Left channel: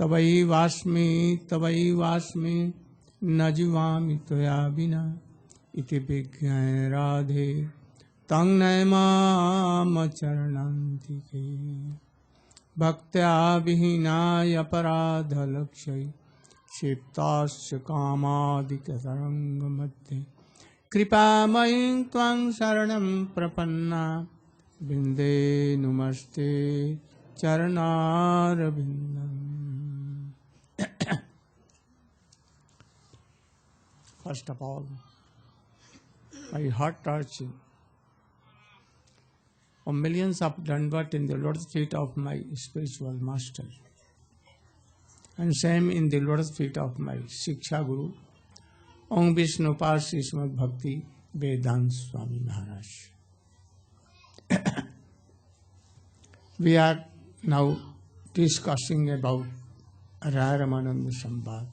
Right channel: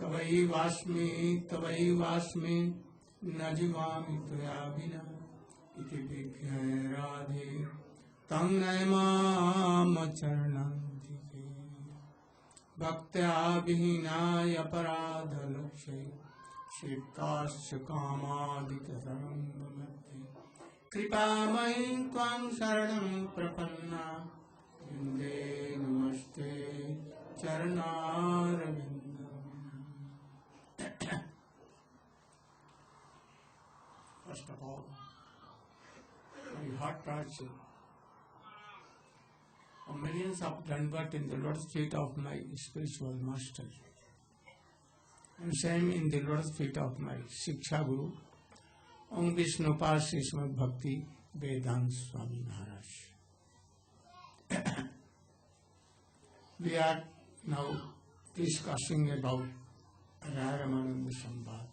तवैवास्मि न जीवामि त्वया विना इति विज्ञाय राधे तं नयमामचरणन्तिके भक्त्या विहीनाय अपराधलक्ष्यै क्षिप्ताश्च कामादिकतरङ्गमध्ये कृपामयीं त्वां शरणं प्रपन्ना बिन्दे नमस्ते चरणारविन्दम्. First of all, my heart touching of millions of Dandavat in the lotus feet of my spiritual master, and same in the lotus feet of my Shiksha Guru, Om Vishnu Parsi Srimad Bhakti Vedanta Swami Maharaj. We are now discussing about Raya Ramananda Samvad.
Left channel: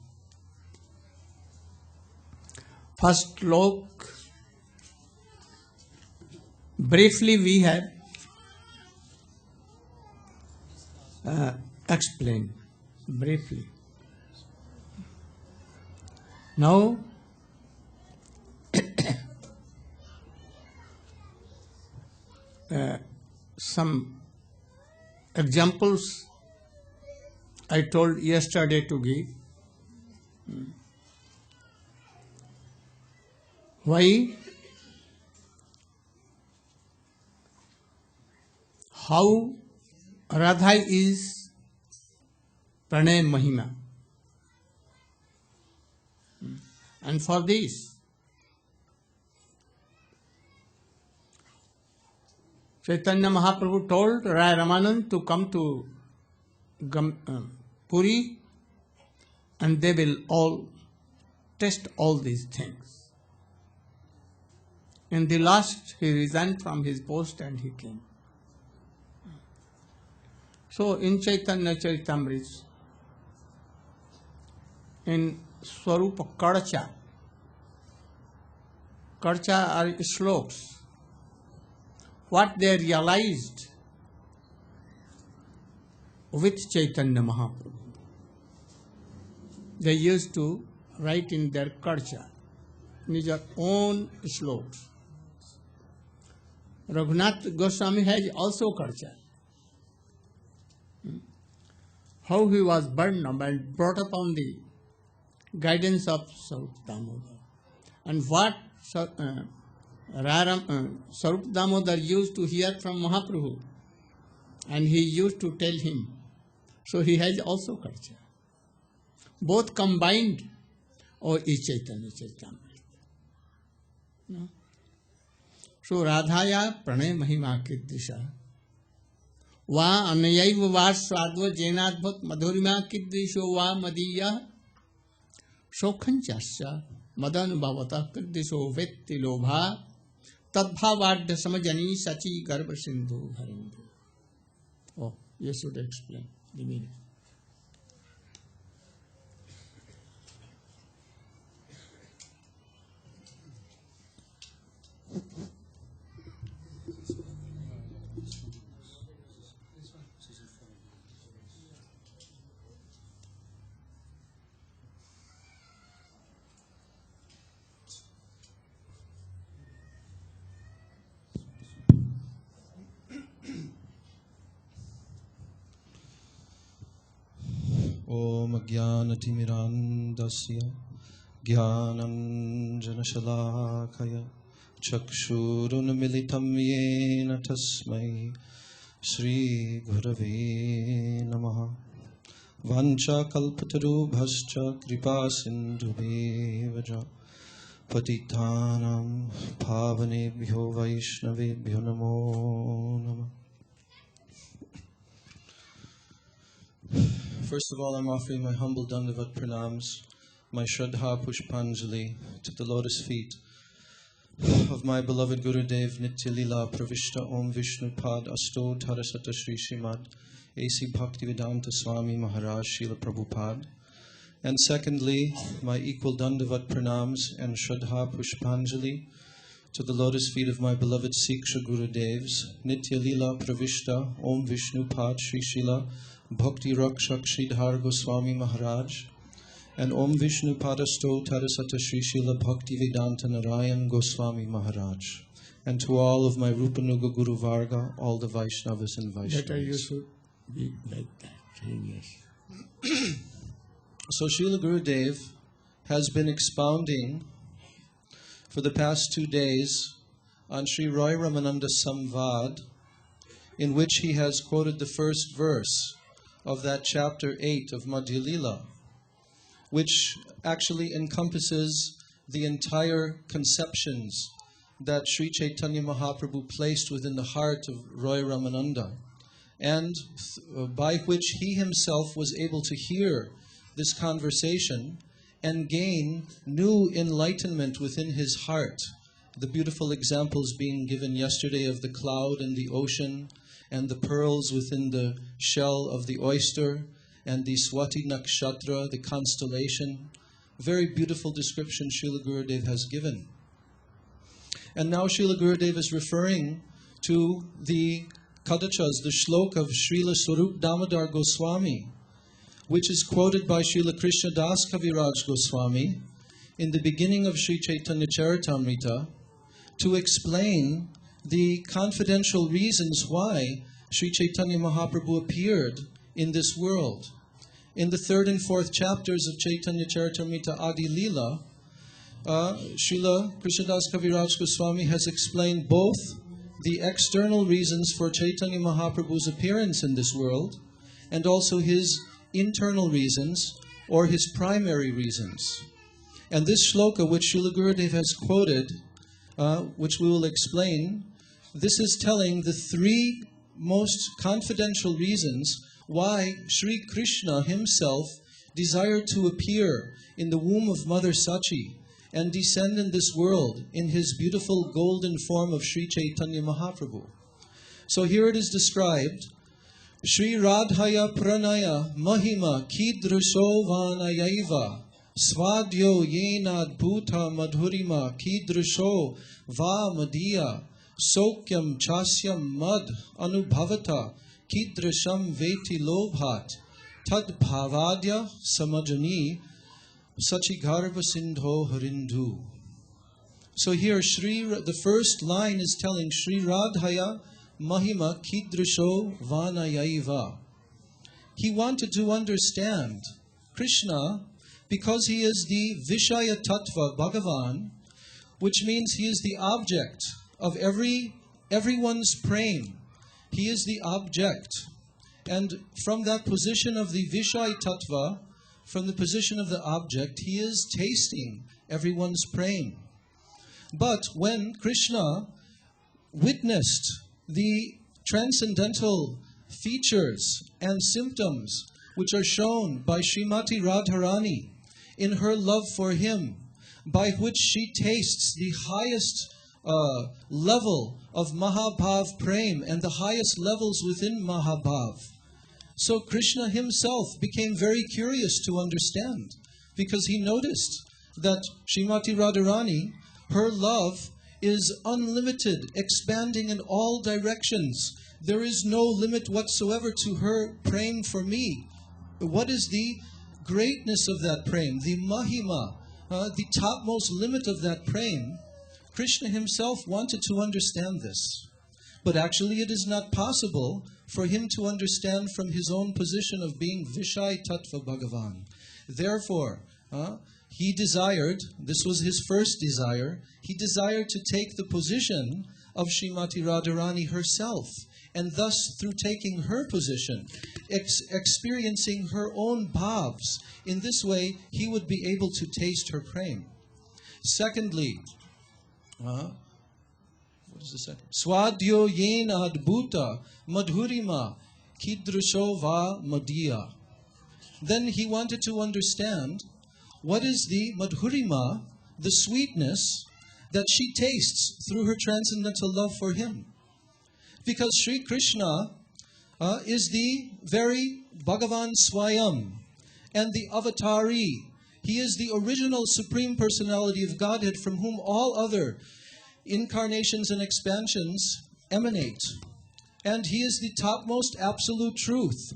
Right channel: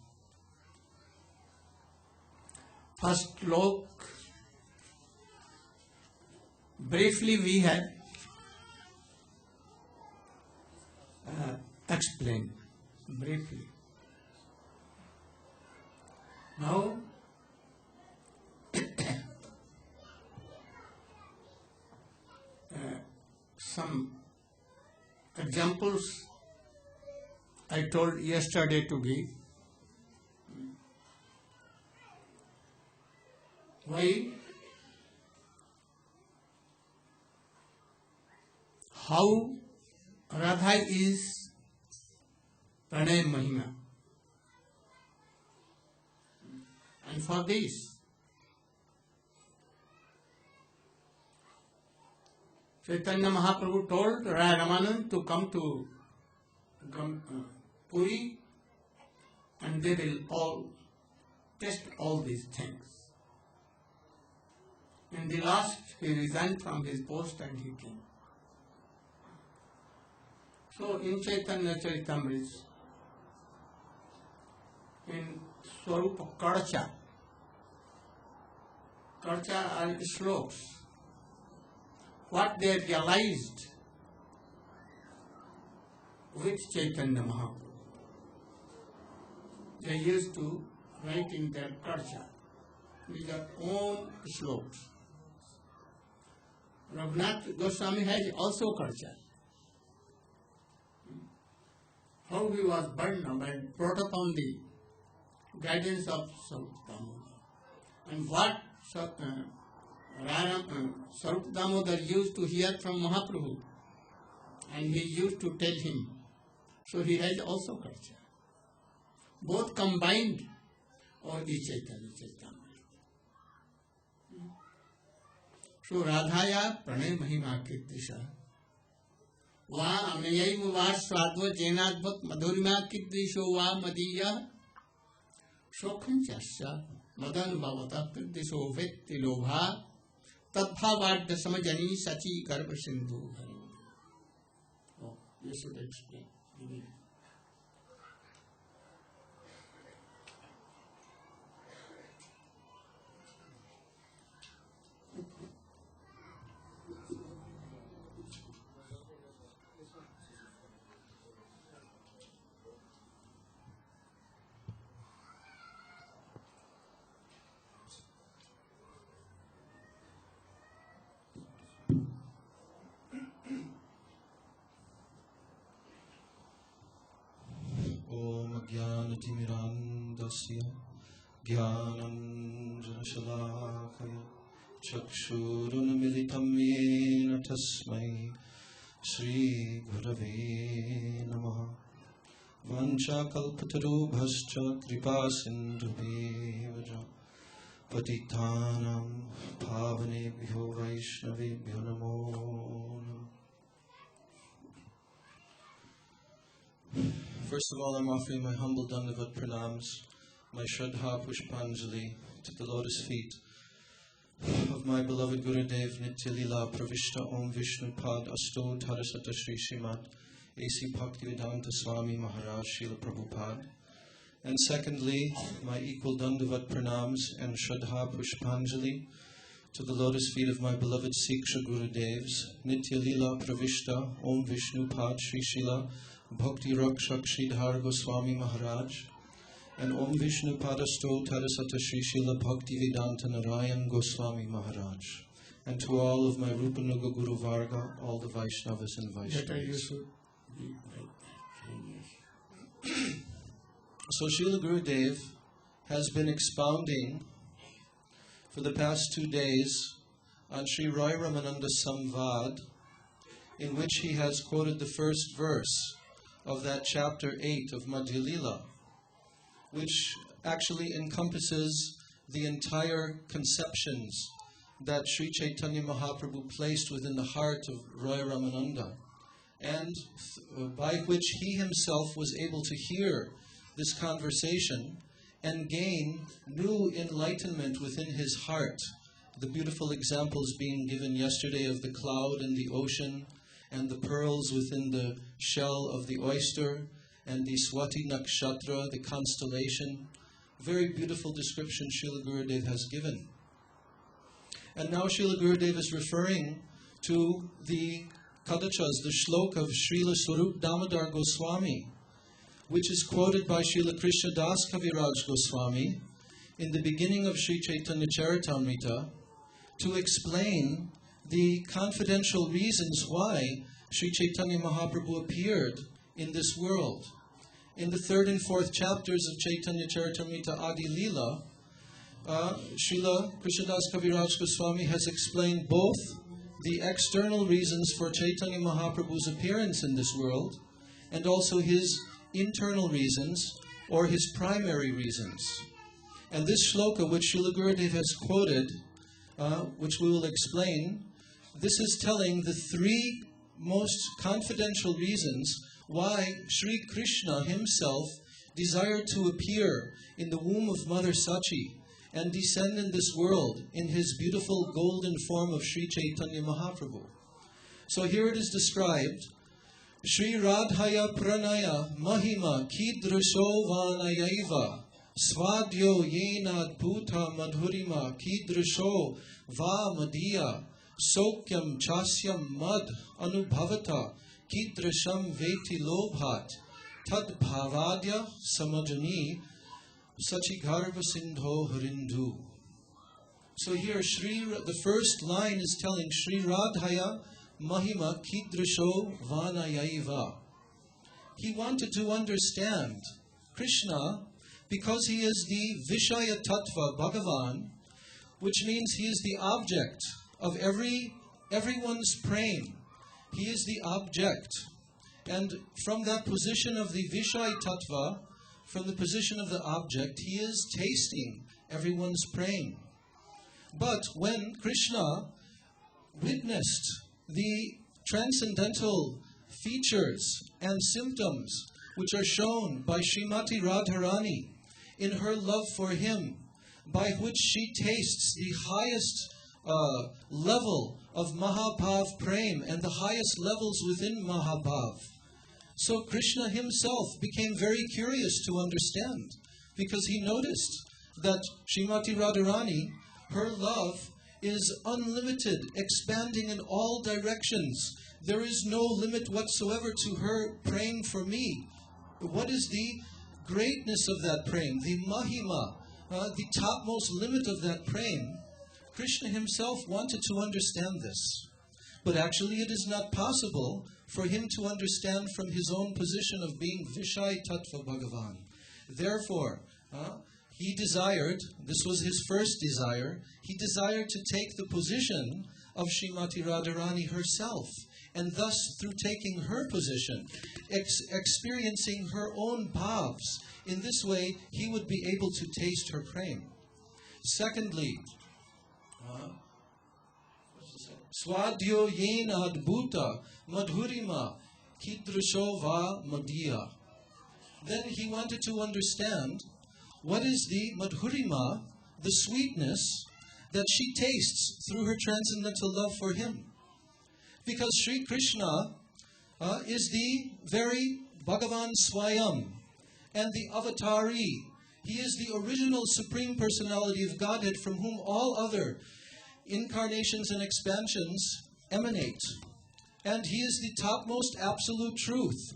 First slok, briefly we have explained briefly. Now some examples I told yesterday to give. Why? How Radha is Pranay Mahima. And for this, Chaitanya Mahaprabhu told Raya Ramananda to come to Puri, and they will all test all these things. In the last, he resigned from his post and he came. So in Chaitanya Charitamrita, in Swarupa Karcha are sloks. What they realized with Chaitanya Mahaprabhu, they used to write in their Karcha, in their own sloks. Raghunath Goswami has also Karcha. How he was burned up and brought up on the guidance of Sarup Damodar. And what Sarup Damodar used to hear from Mahaprabhu, and he used to tell him. So he has also Karcha. Both combined, or is Chaitanya Charitamrita. So Radhaya Pranay Mahima Kiddisha Va Anayaiva Va Swadva Jenadbhat Madhurima Kiddisho Va Madiya Shokhanchasya Madan Bhavata Kiddisho Vetti Lobha Tadbhavadya Samajani Sachi Garba Sindhu Harindu. Oh, you should explain the meaning. Om Jnanatimirandasya Jnananjanashalakaya Chakshurunmilitam Yena Tasmai Sri Gurave Namaha Vancha Kalpatarubhascha Kripa Sindhubevaja Patitanam Pavanebhyo Vaishnavebhyo Namo Namah. First of all, I'm offering my humble Dandavat Pranams, my Shraddha Pushpanjali to the lotus feet of my beloved Gurudev Nitya Lila Pravishta Om Vishnu Pad Asto Dharasata Shri Srimad A.C. Bhaktivedanta Swami Maharaj Srila Prabhupada. And secondly, my equal Dandavat Pranams and Shraddha Pushpanjali to the lotus feet of my beloved Siksha Gurudevs Nitya Lila Pravishta Om Vishnu Pad Shri Srila Bhakti Rakshak Sridhar Goswami Maharaj, and Om Vishnu Padasto Tadasata Sri Srila Bhakti Vedanta Narayan Goswami Maharaj, and to all of my Rupanuga Guru Varga, all the Vaishnavas and Better you Vaishnavas. should be like that. Yes. So Srila Gurudev has been expounding for the past 2 days on Sri Raya Ramananda Samvad, in which he has quoted the first verse of that chapter 8 of Madhya Lila, which actually encompasses the entire conceptions that Sri Chaitanya Mahaprabhu placed within the heart of Raya Ramananda, and by which he himself was able to hear this conversation and gain new enlightenment within his heart. The beautiful examples being given yesterday of the cloud and the ocean, and the pearls within the shell of the oyster, and the Swati Nakshatra, the constellation. Very beautiful description Srila Gurudev has given. And now Srila Gurudev is referring to the Kadachas, the Shlok of Srila Swarup Damodar Goswami, which is quoted by Srila Krishna Das Kaviraj Goswami in the beginning of Sri Chaitanya Charitamrita, to explain the confidential reasons why Sri Chaitanya Mahaprabhu appeared in this world. In the 3rd and 4th chapters of Chaitanya Charitamrita Adi Lila, Srila Krishnadas Kaviraj Goswami has explained both the external reasons for Chaitanya Mahaprabhu's appearance in this world, and also his internal reasons, or his primary reasons. And this shloka which Srila Gurudev has quoted, which we will explain, this is telling the 3 most confidential reasons why Sri Krishna himself desired to appear in the womb of Mother Sachi and descend in this world in his beautiful golden form of Sri Chaitanya Mahaprabhu. So here it is described, Sri Radhaya Pranaya Mahima Kidrasho Vanayaiva Svadyo Yenad Bhuta Madhurima Kidrasho Va Madhya Sokyam Chasyam Mad Anubhavata Kidrasham Veti Lobhat Tad Bhavadya Samajani Sachigarbha Sindho Harindu. So here the first line is telling Sri Radhaya Mahima Kidrasho Vanayaiva. He wanted to understand Krishna because he is the Vishaya Tattva Bhagavan, which means he is the object of everyone's prema. He is the object. And from that position of the Vishaya Tattva, from the position of the object, he is tasting everyone's prema. But when Krishna witnessed the transcendental features and symptoms which are shown by Srimati Radharani in her love for him, by which she tastes the highest level of Mahabhav Prem and the highest levels within Mahabhav. So Krishna himself became very curious to understand, because he noticed that Srimati Radharani, her love is unlimited, expanding in all directions. There is no limit whatsoever to her prem for me. What is the greatness of that prem, the mahima, the topmost limit of that prem? Krishna himself wanted to understand this. But actually it is not possible for him to understand from his own position of being Vishaya Tattva Bhagavan. Therefore, he desired, this was his first desire, he desired to take the position of Srimati Radharani herself, and thus through taking her position, experiencing her own bhavs, in this way he would be able to taste her prem. Secondly, what is the second? Swadyo yena adbhuta madhurima kidrasho va madhya. Then he wanted to understand what is the madhurima, the sweetness that she tastes through her transcendental love for him. Because Sri Krishna is the very Bhagavan Swayam and the Avatari. He is the original Supreme Personality of Godhead from whom all other incarnations and expansions emanate. And he is the topmost absolute truth.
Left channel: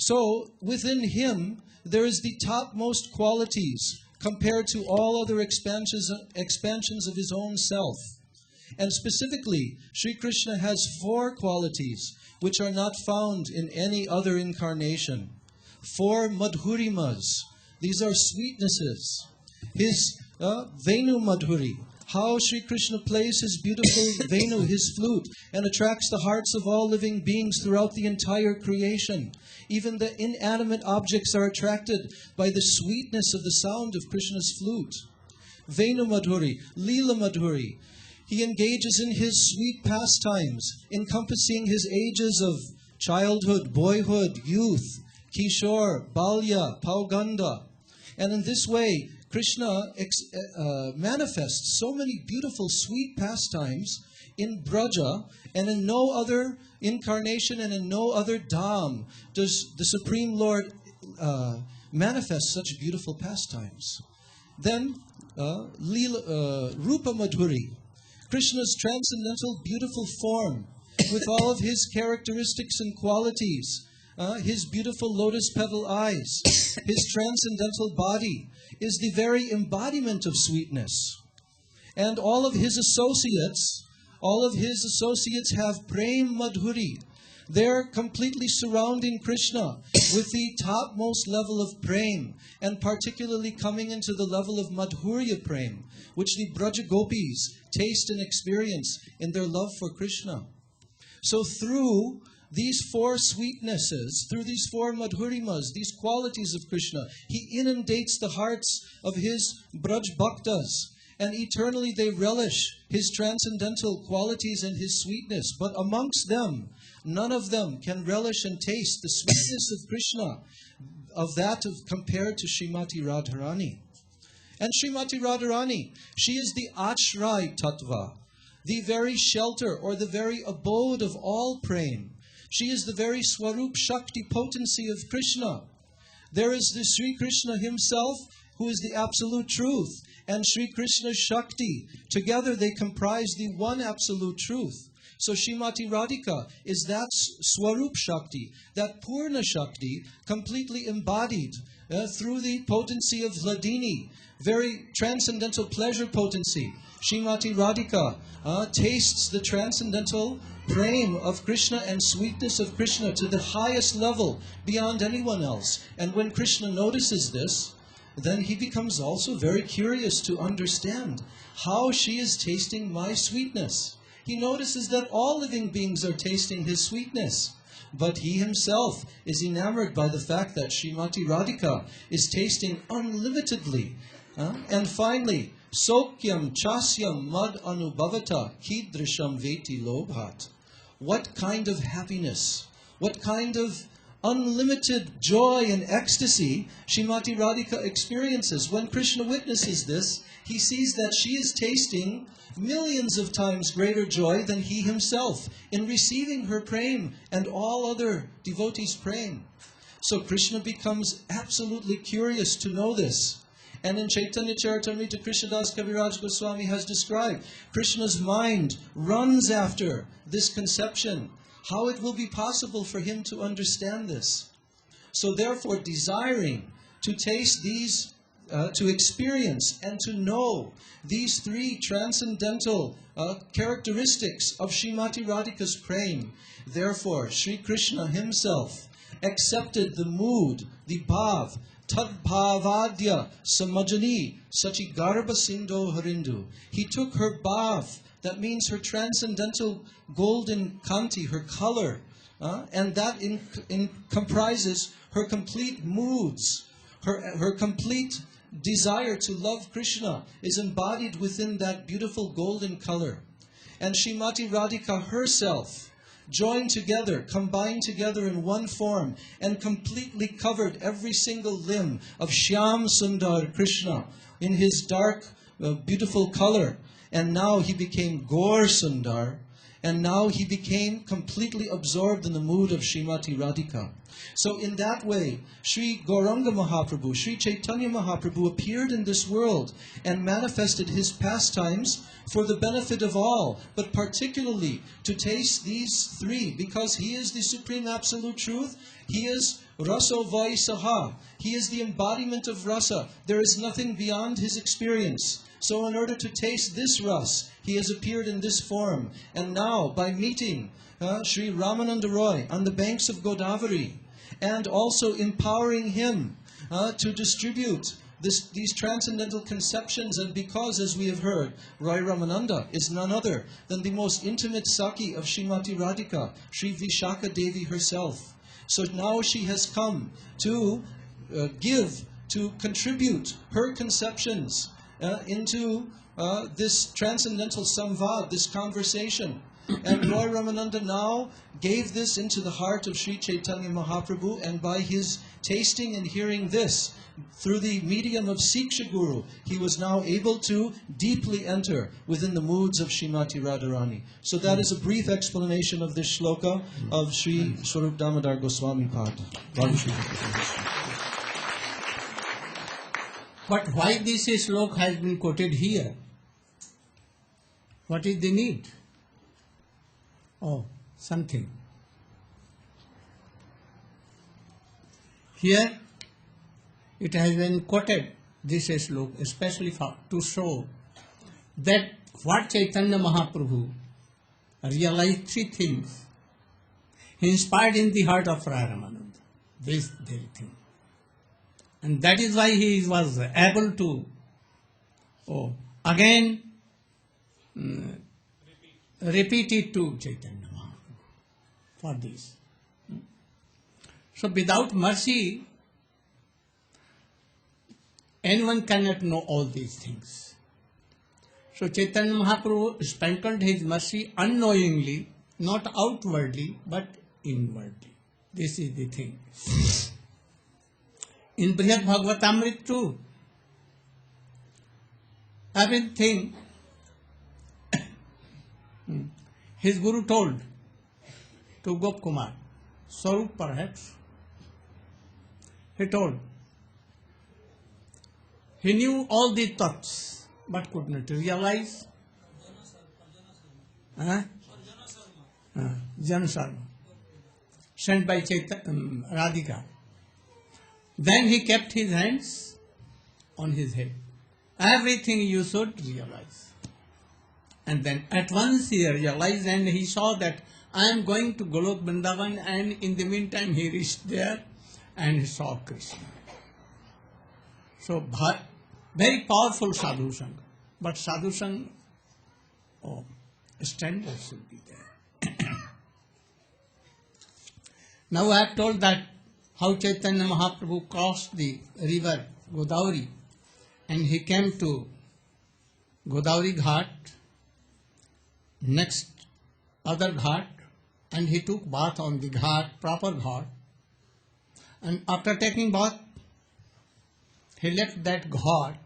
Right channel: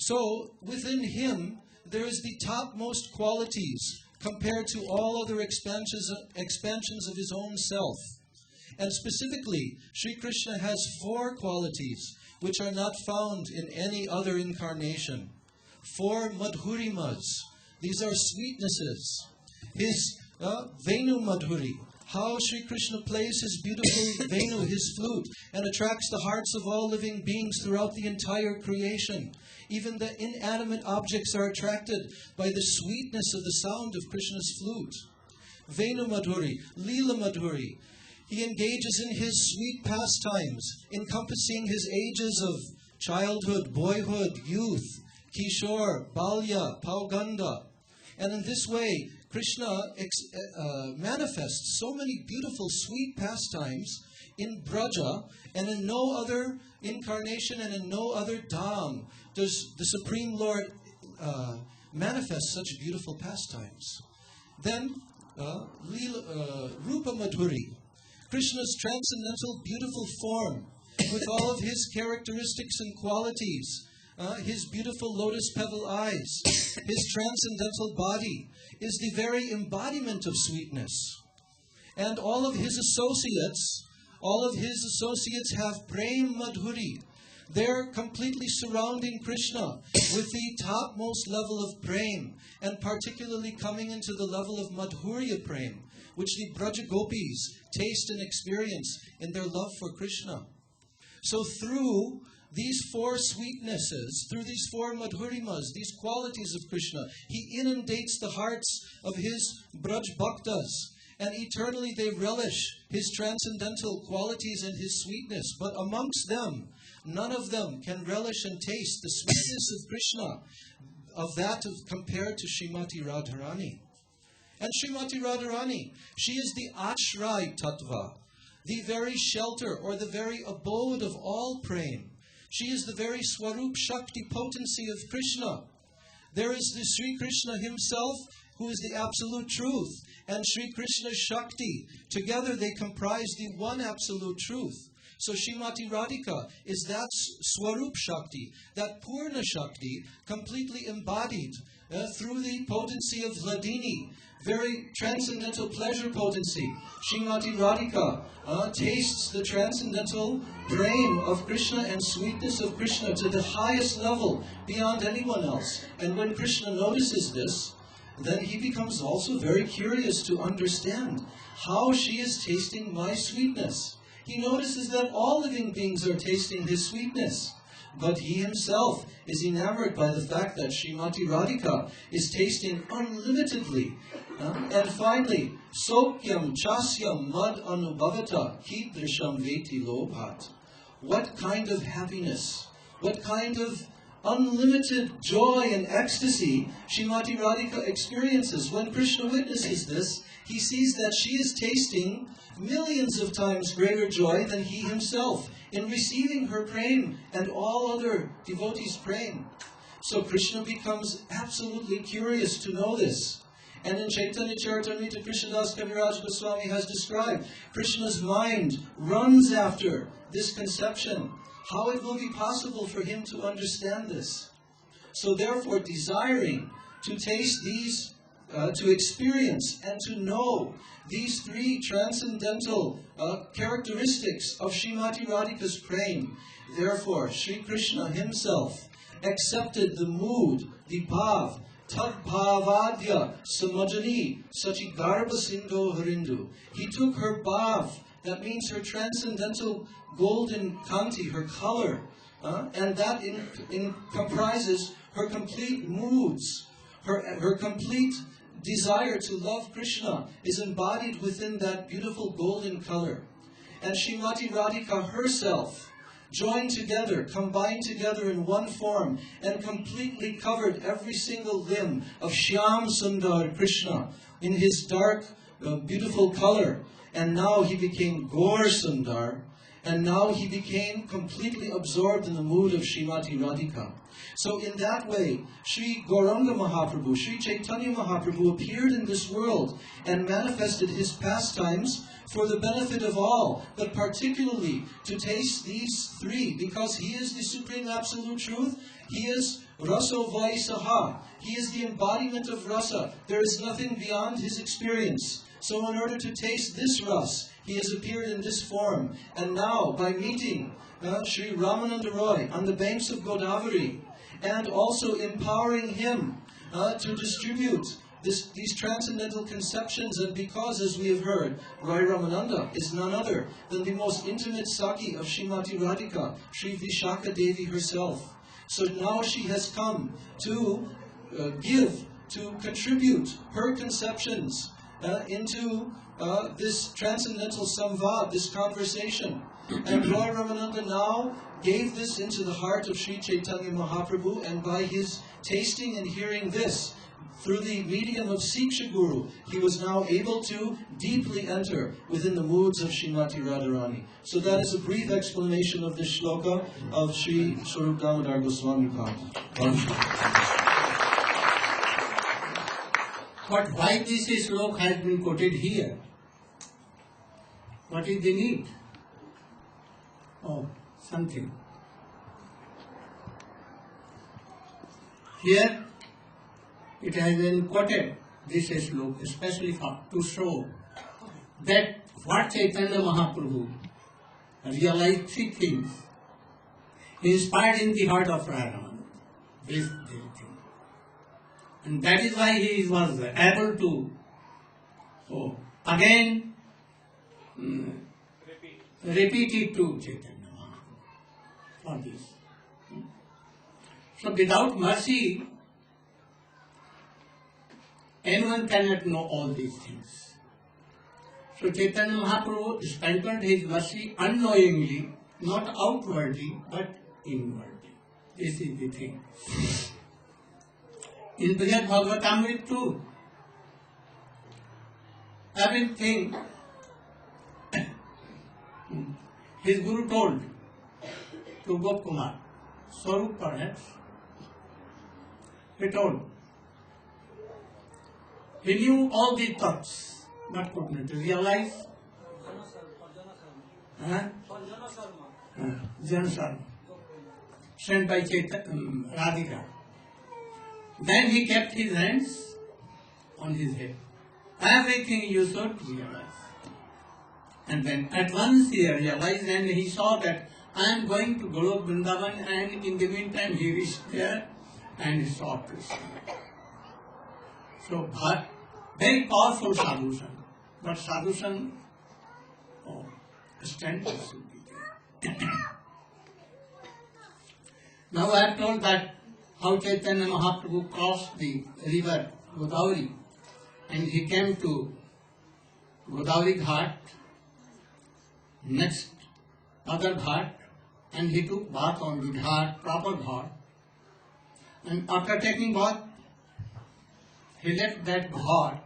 So within him, there is the topmost qualities compared to all other expansions of his own self. And specifically, Sri Krishna has 4 qualities which are not found in any other incarnation. 4 madhurimas. These are sweetnesses. His Venu Madhuri, how Sri Krishna plays his beautiful Venu, his flute, and attracts the hearts of all living beings throughout the entire creation. Even the inanimate objects are attracted by the sweetness of the sound of Krishna's flute. Venu Madhuri, Leela Madhuri. He engages in his sweet pastimes, encompassing his ages of childhood, boyhood, youth, Kishore, Balya, Pauganda. And in this way, Krishna manifests so many beautiful, sweet pastimes in Braja, and in no other incarnation and in no other dham does the Supreme Lord manifest such beautiful pastimes. Then, Rupa Madhuri, Krishna's transcendental, beautiful form, with all of his characteristics and qualities, his beautiful lotus petal eyes, his transcendental body, is the very embodiment of sweetness. And all of his associates have Prem Madhuri. They're completely surrounding Krishna with the topmost level of Prem, and particularly coming into the level of Madhurya Prem, which the Braja Gopis taste and experience in their love for Krishna. So through these 4 sweetnesses, through these 4 madhurimas, these qualities of Krishna, he inundates the hearts of his Braj Bhaktas, and eternally they relish his transcendental qualities and his sweetness. But amongst them, none of them can relish and taste the sweetness of Krishna, compared to Srimati Radharani. And Srimati Radharani, she is the Ashray Tattva, the very shelter or the very abode of all prem. She is the very Swarup Shakti potency of Krishna. There is the Sri Krishna himself, who is the absolute truth, and Sri Krishna's Shakti. Together they comprise the one absolute truth. So Srimati Radhika is that Swarup Shakti, that Purna Shakti, completely embodied through the potency of Hladini, very transcendental pleasure potency. Srimati Radhika tastes the transcendental prem of Krishna and sweetness of Krishna to the highest level beyond anyone else. And when Krishna notices this, then he becomes also very curious to understand how she is tasting my sweetness. He notices that all living beings are tasting his sweetness, but he himself is enamored by the fact that Srimati Radhika is tasting unlimitedly. And finally, Sokyam Chasyam Mad Anubhavata Kidrisham Veti Lobhat. What kind of happiness, what kind of unlimited joy and ecstasy Srimati Radhika experiences. When Krishna witnesses this, he sees that she is tasting millions of times greater joy than he himself in receiving her prem and all other devotees' prem. So Krishna becomes absolutely curious to know this. And in Chaitanya Charitamrita, Krishnadas Kaviraj Goswami has described Krishna's mind runs after this conception, how it will be possible for him to understand this. So therefore, desiring to taste these, to experience and to know these 3 transcendental characteristics of Srimati Radhika's prem, therefore Sri Krishna himself accepted the mood, the bhav, tad bhavadya samajani sachi garba sindho harindu. He took her bhav, that means her transcendental golden kanti, her color, and that comprises her complete moods, her complete desire to love Krishna is embodied within that beautiful golden color. And Srimati Radhika herself joined together, combined together in one form, and completely covered every single limb of Shyam Sundar Krishna in his dark, beautiful color. And now he became Gaur Sundar, and now he became completely absorbed in the mood of Srimati Radhika. So in that way, Sri Gauranga Mahaprabhu, Sri Chaitanya Mahaprabhu appeared in this world and manifested his pastimes for the benefit of all, but particularly to taste these three, because he is the Supreme Absolute Truth. He is Raso Vaisaha. He is the embodiment of rasa. There is nothing beyond his experience. So in order to taste this ras, he has appeared in this form. And now, by meeting Sri Ramananda Roy on the banks of Godavari, and also empowering him to distribute these transcendental conceptions, and because, as we have heard, Raya Ramananda is none other than the most intimate Saki of Srimati Radhika, Sri Vishaka Devi herself. So now she has come to contribute her conceptions into this transcendental samvad, this conversation. And Raya Ramananda now gave this into the heart of Sri Chaitanya Mahaprabhu, and by his tasting and hearing this, through the medium of Siksha Guru, he was now able to deeply enter within the moods of Srimati Radharani. So that is a brief explanation of this shloka of Sri Swarup Damodar Goswami Pad. But why this shloka has been quoted here? What is the need? Oh, something. Here it has been quoted, this shloka, especially to show that what Chaitanya Mahaprabhu realized three things. He inspired in the heart of Raya Ramananda, this very thing. And that is why he was able to again repeat it to Chaitanya Mahaprabhu for this. So without mercy, anyone cannot know all these things. So Chaitanya Mahaprabhu sprinkled his mercy unknowingly, not outwardly, but inwardly. This is the thing. In Brihad Bhagavatamrita too, everything his Guru told to Gop Kumar, Swarup perhaps, he told. He knew all the thoughts, but could not realize. Janasarma, sent by Radhika. Then he kept his hands on his head. Everything you should realize. And then at once he realized, and he saw that I am going to Golok Vrindavan, and in the meantime he reached there and he saw Krishna. So very powerful sadhushan, but sadhushan standards should be there. Now I have told that how Chaitanya Mahaprabhu crossed the river Godavari and he came to Godavari Ghat, next other Ghat, and he took bath on the Ghat, proper Ghat, and after taking bath, he left that Ghat,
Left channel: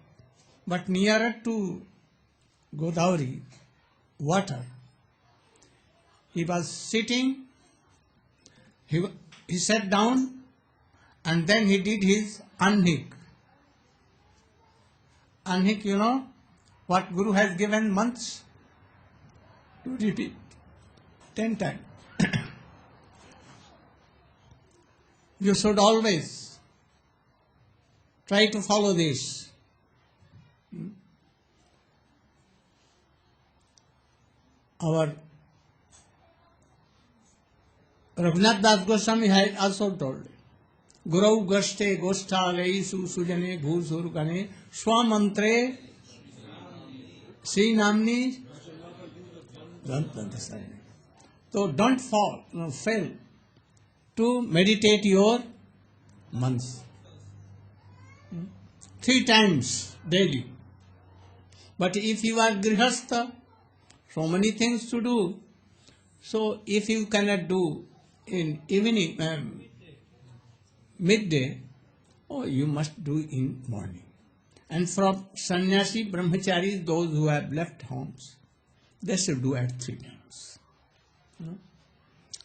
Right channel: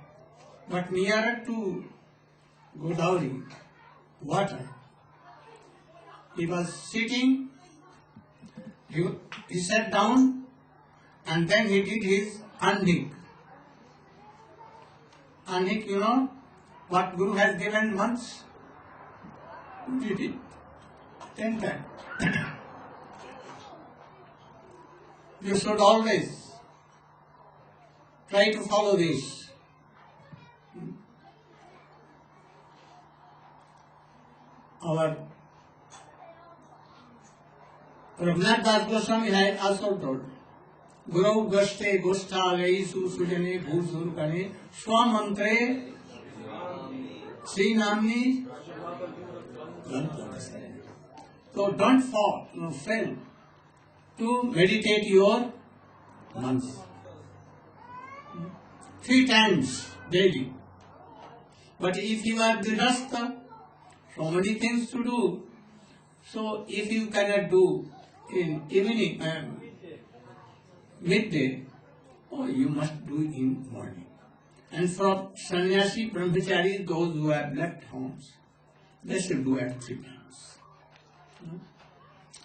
but nearer to Godavari water. He was sitting, he sat down, and then he did his anhik. Anhik, you know what Guru has given months? He did it 10 times. You should always try to follow this. Our Raghunath Das Goswami had also told, Gurau Gaste Gosthalesu Sujane Bhuzur Gane Swamantre Sri Namni. So don't fail to meditate your months 3 times daily. But if you are grihastha, so many things to do. So if you cannot do in evening, midday, you must do in morning. And for sannyasi, brahmachari, those who have left homes, they should do at 3 times.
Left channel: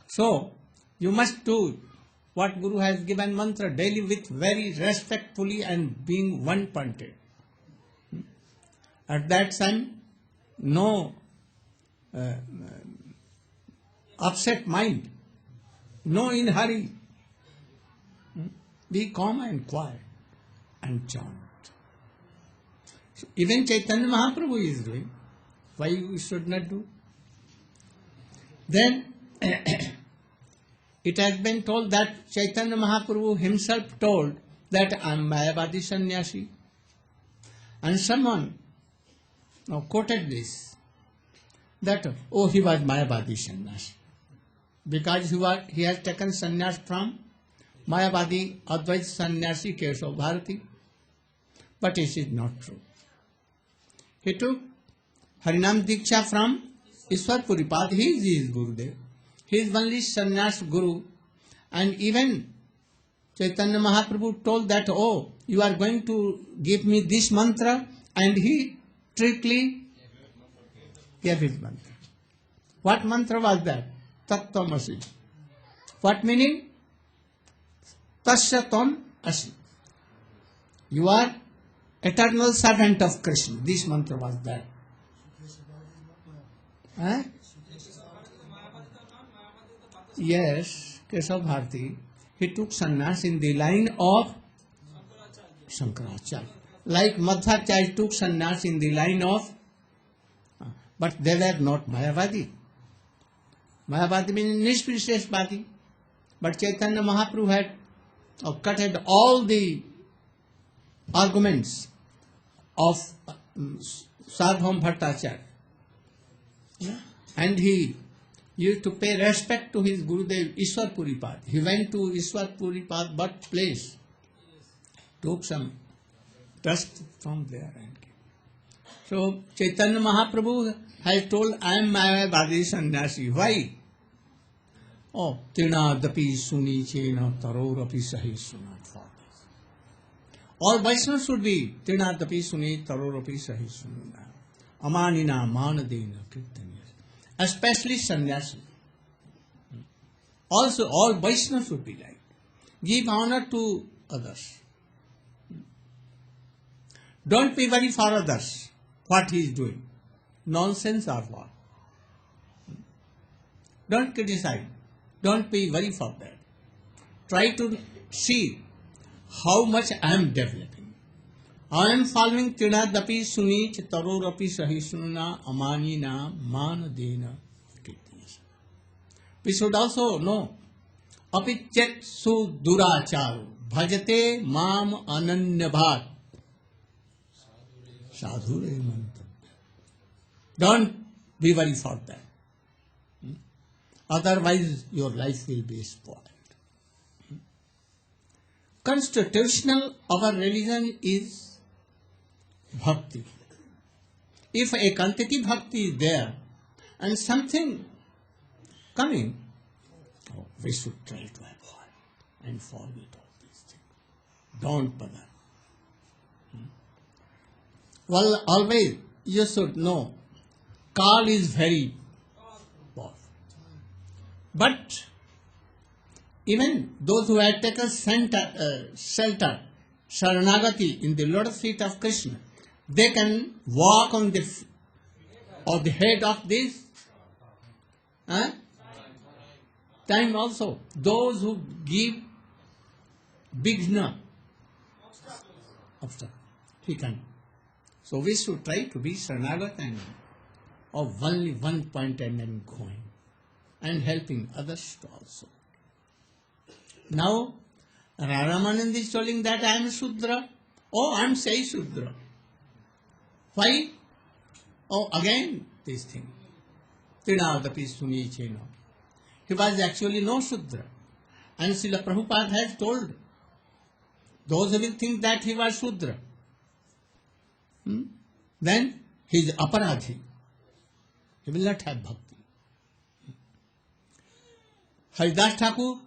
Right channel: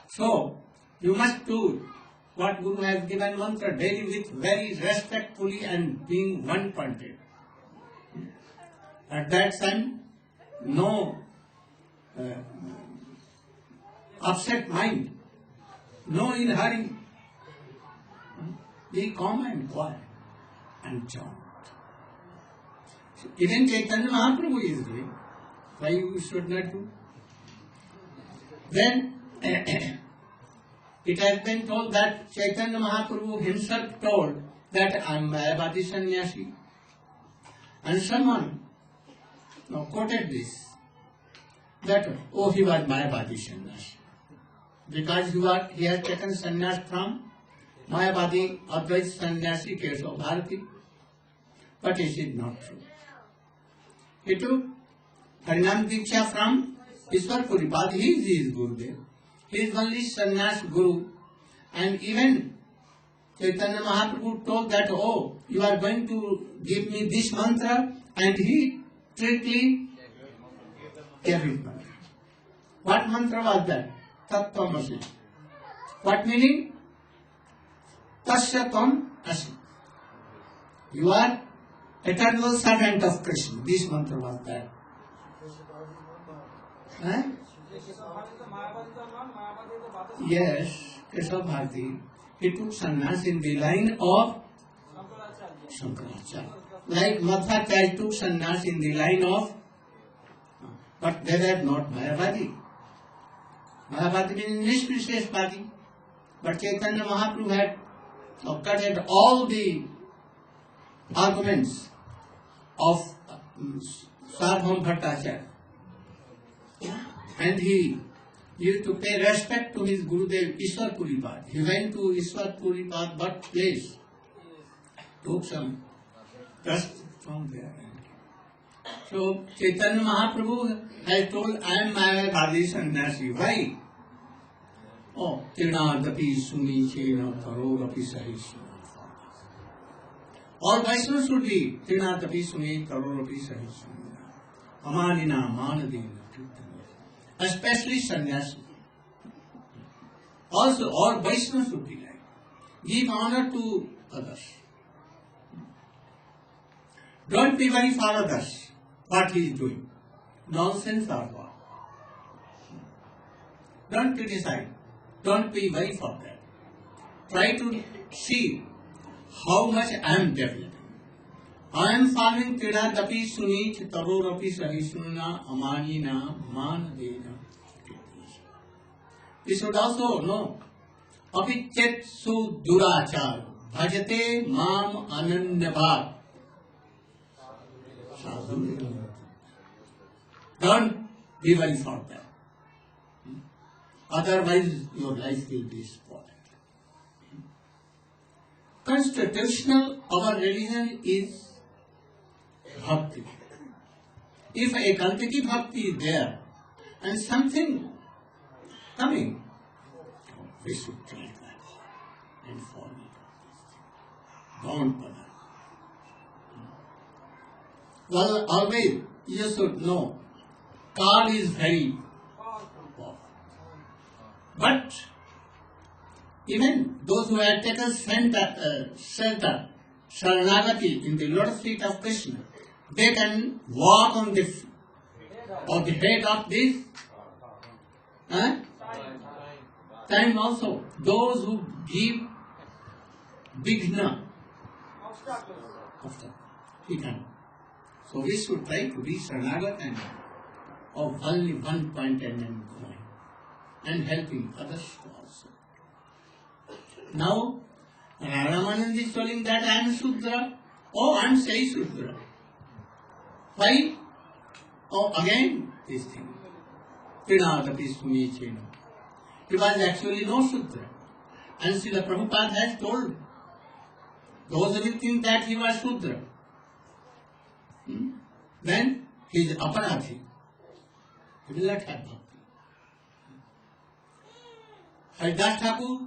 So, you must do what Guru has given mantra daily with very respectfully and being one-pointed. At that time, no upset mind, no in hurry. Be calm and quiet and chant. Even Chaitanya Mahaprabhu is doing. Why you should not do? Then it has been told that Chaitanya Mahaprabhu himself told that I am Mayavadi sannyasi. And someone quoted this, that he was Mayavadi sannyasi. Because he has taken sannyas from Mayavadi Advaita sannyasi Keshav Bharati. But it is not true. He took Harinam Diksha from Ishwar Puripad. He is his Gurudev. He is only sannyas Guru. And even Chaitanya Mahaprabhu told that, you are going to give me this mantra, and he strictly gave his mantra. What mantra was that? Tattvamasi. What meaning? Tasya Tvam Asi. You are eternal servant of Krishna. This mantra was that. Huh? Yes, Keshav Bharati. He took sannyas in the line of Shankaracharya. Like Madhvacharya took sannyas in the line of, but they were not Mayavadi. Mayavadi means Nishvisheshvadi. But Chaitanya Mahaprabhu had cutted all the arguments of Sarvabhauma Bhattacharya. And he used to pay respect to his Gurudev Ishwar Puripad. He went to Ishwar Puripad birthplace, took some dust from there. So Chaitanya Mahaprabhu has told, I am Mayavadi sannyasi. Why? Tinadapi suni chena tarorapi sahi suna. All Vaishnavas should be Tinadapi suni tarorapi sahi suna. Amanina manadena kirtanya. Especially sannyasi. Also, all Vaishnavas should be like. Give honor to others. Don't be worried for others, what he is doing. Nonsense or what. Don't criticize. Don't be worried for that. Try to see how much I am developing. I am following Trinadapi Suni Chitarorapi Sahisunna Amanina Manadena. We should also know Apichet Su Durachar Bhajate Mam Ananyabhat. Sadhu. Don't be worried for that. Otherwise, your life will be spoiled. Constitutional our religion is bhakti. If a quantity bhakti is there and something coming, we should try to avoid and follow it all these things. Don't bother. Well, always you should know, Kal is very powerful. But even those who have taken shelter, Sharanagati in the lotus feet of Krishna, they can walk on the head of this time also. Those who give Vighna, he can. So we should try to be Sharanagati and of only one point and then going and helping others also. Now, Raya Ramananda is telling that I am Shudra. I am Sai Shudra. Why? Again this thing. Trinadapi Suni Chena. He was actually no Shudra. And Srila Prabhupada has told those who think that he was Shudra, then he is aparadhi. He will not have bhakti. Haridas Thakur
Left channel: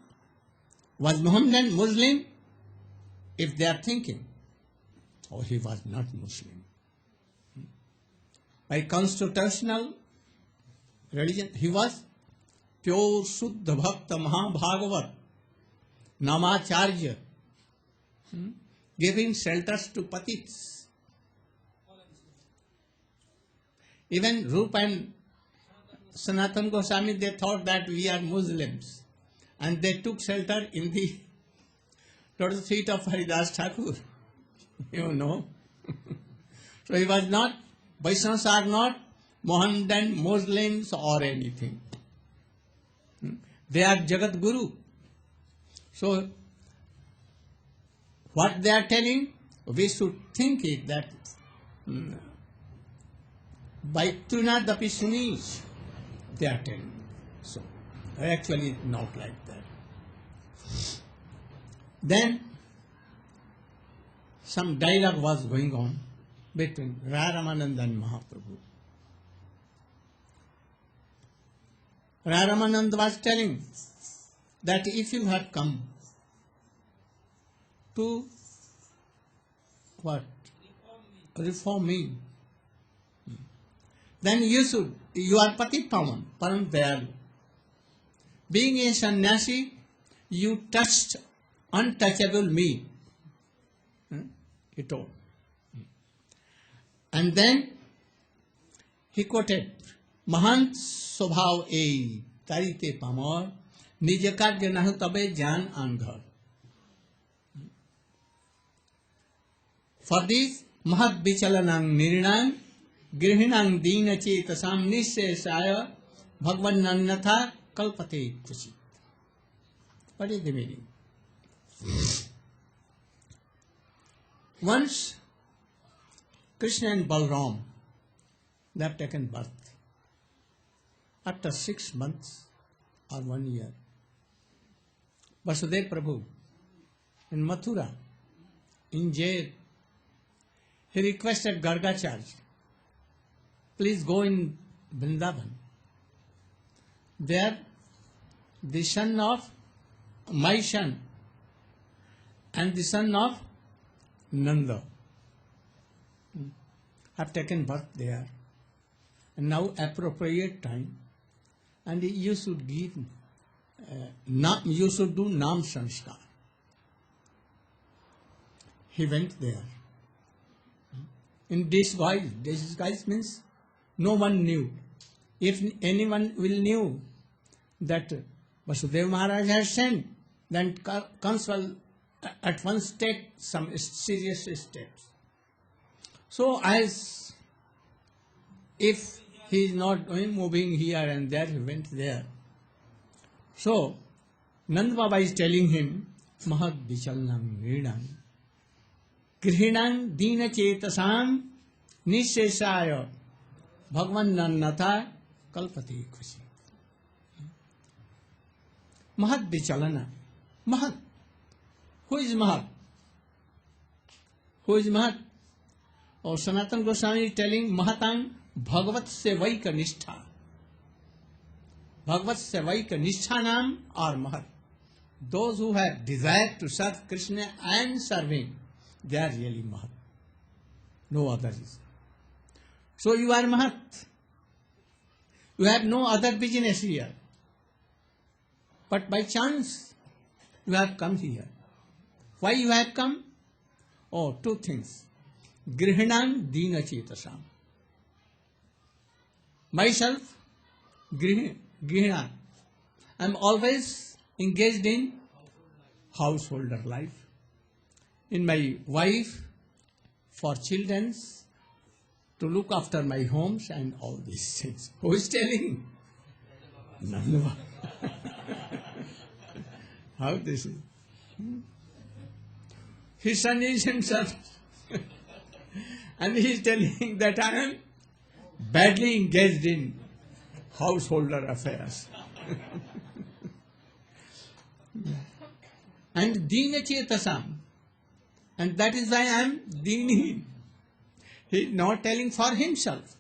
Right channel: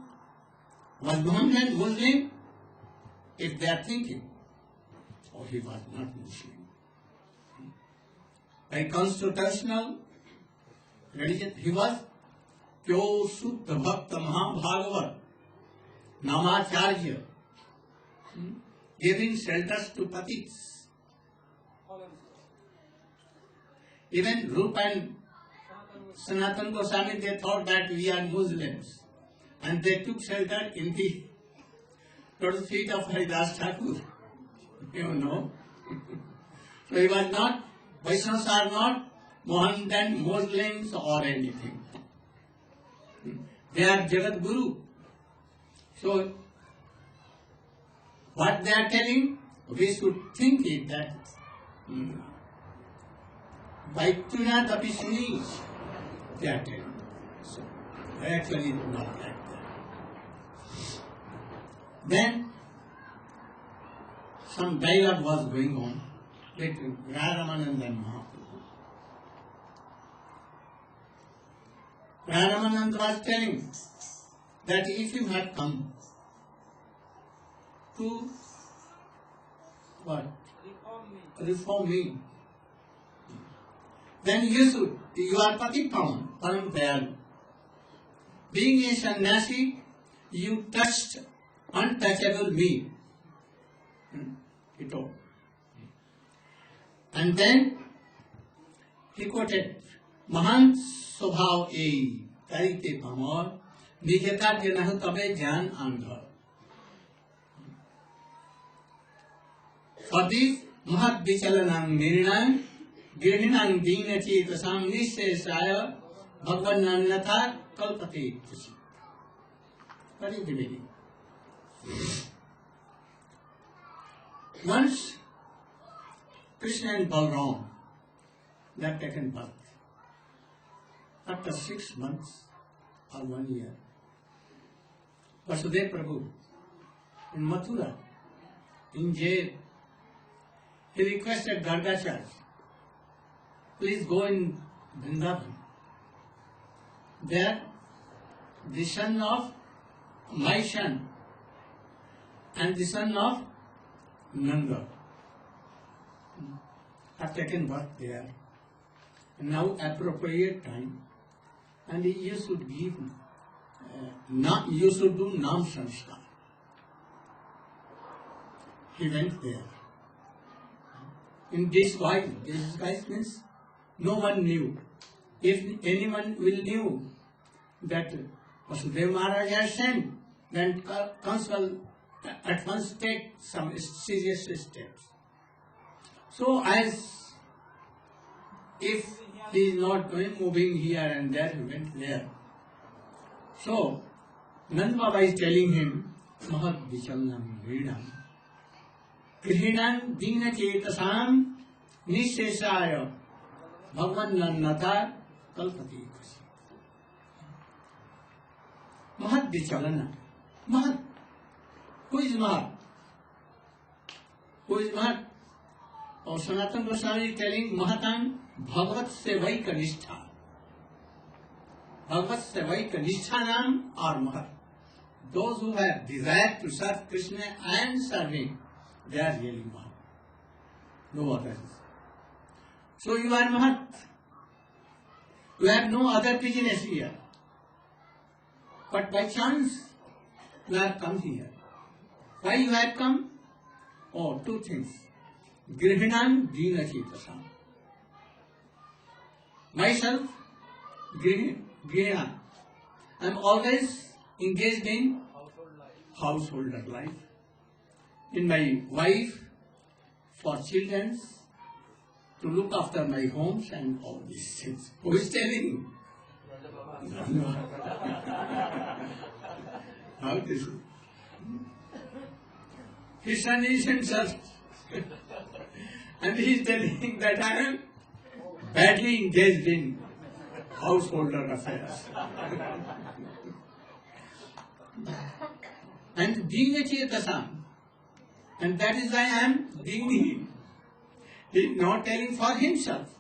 was Mohammedan Muslim, if they are thinking, he was not Muslim. By constitutional religion, he was pure Shuddha Bhakta Mahabhagavat, Namacharya, giving shelters to Patits. Even Rupa and Sanatana Goswami, they thought that we are Muslims, and they took shelter in the lotus feet of Haridas Thakur. You know. So he was not, Vaishnavas are not Mohammedan Muslims or anything. They are Jagat Guru. So what they are telling, we should think it that Vaituna Dapisuni, they are telling. So actually not like that. Then some dialogue was going on between Raya Ramananda and Mahaprabhu. Raya Ramananda was telling that if you have come to what? Reform me. Then you are Pati Pavan, Param Dayalu. Being a sannyasi, you touched untouchable me. He told. And then he quoted, Mahan Sobhav E Tarite Pamor Nijaka Genahu Tabe Jan Andha. For this Mahat Bichalanang Nirinang Girhinang Dina Chetasam Nishesaya Bhagwan Nannatha Kalpate Tusi. What is the meaning? Once Krishna and Balram, they have taken birth. After 6 months or 1 year, Vasudev Prabhu in Mathura, in jail, he requested Gardacharya, please go in Vrindavan. There, the son of my son and the son of Nanda have taken birth there. And now appropriate time, and you should give, you should do Nam Sanskar. He went there. In disguise. Disguise means no one knew. If anyone will knew that Vasudeva Maharaj has sent, then comes will at once take some serious steps. So as if he is not moving here and there, he went there. So Nand Baba is telling him, Mahad Vichalnam Vidam Grihinam Dina Chetasam Nishesaya Bhagwan Nannatha Kalpati Khushi. Mahad Vichalana. Mahad. Who is Mahad? Who is Mahad? Or Sanatana Goswami is telling Mahatang Bhagavat Sevaika Nishtha. Bhagavat Sevaika Nishtha Nam are Mahad. Those who have desire to serve Krishna and serve Him, they are really Mahad. No others. So you are Mahad. You have no other business here. But by chance, you have come here. Why you have come? Oh, 2 things. Grihinam Dina Chetasam. Myself, Grihina. I am always engaged in householder life. In my wife, for children, to look after my homes and all these things. Who is telling? No. How this is? His son is himself. And he is telling that I am badly engaged in householder affairs. And Dina Chetasam. And that is why I am Dini. He is not telling for himself,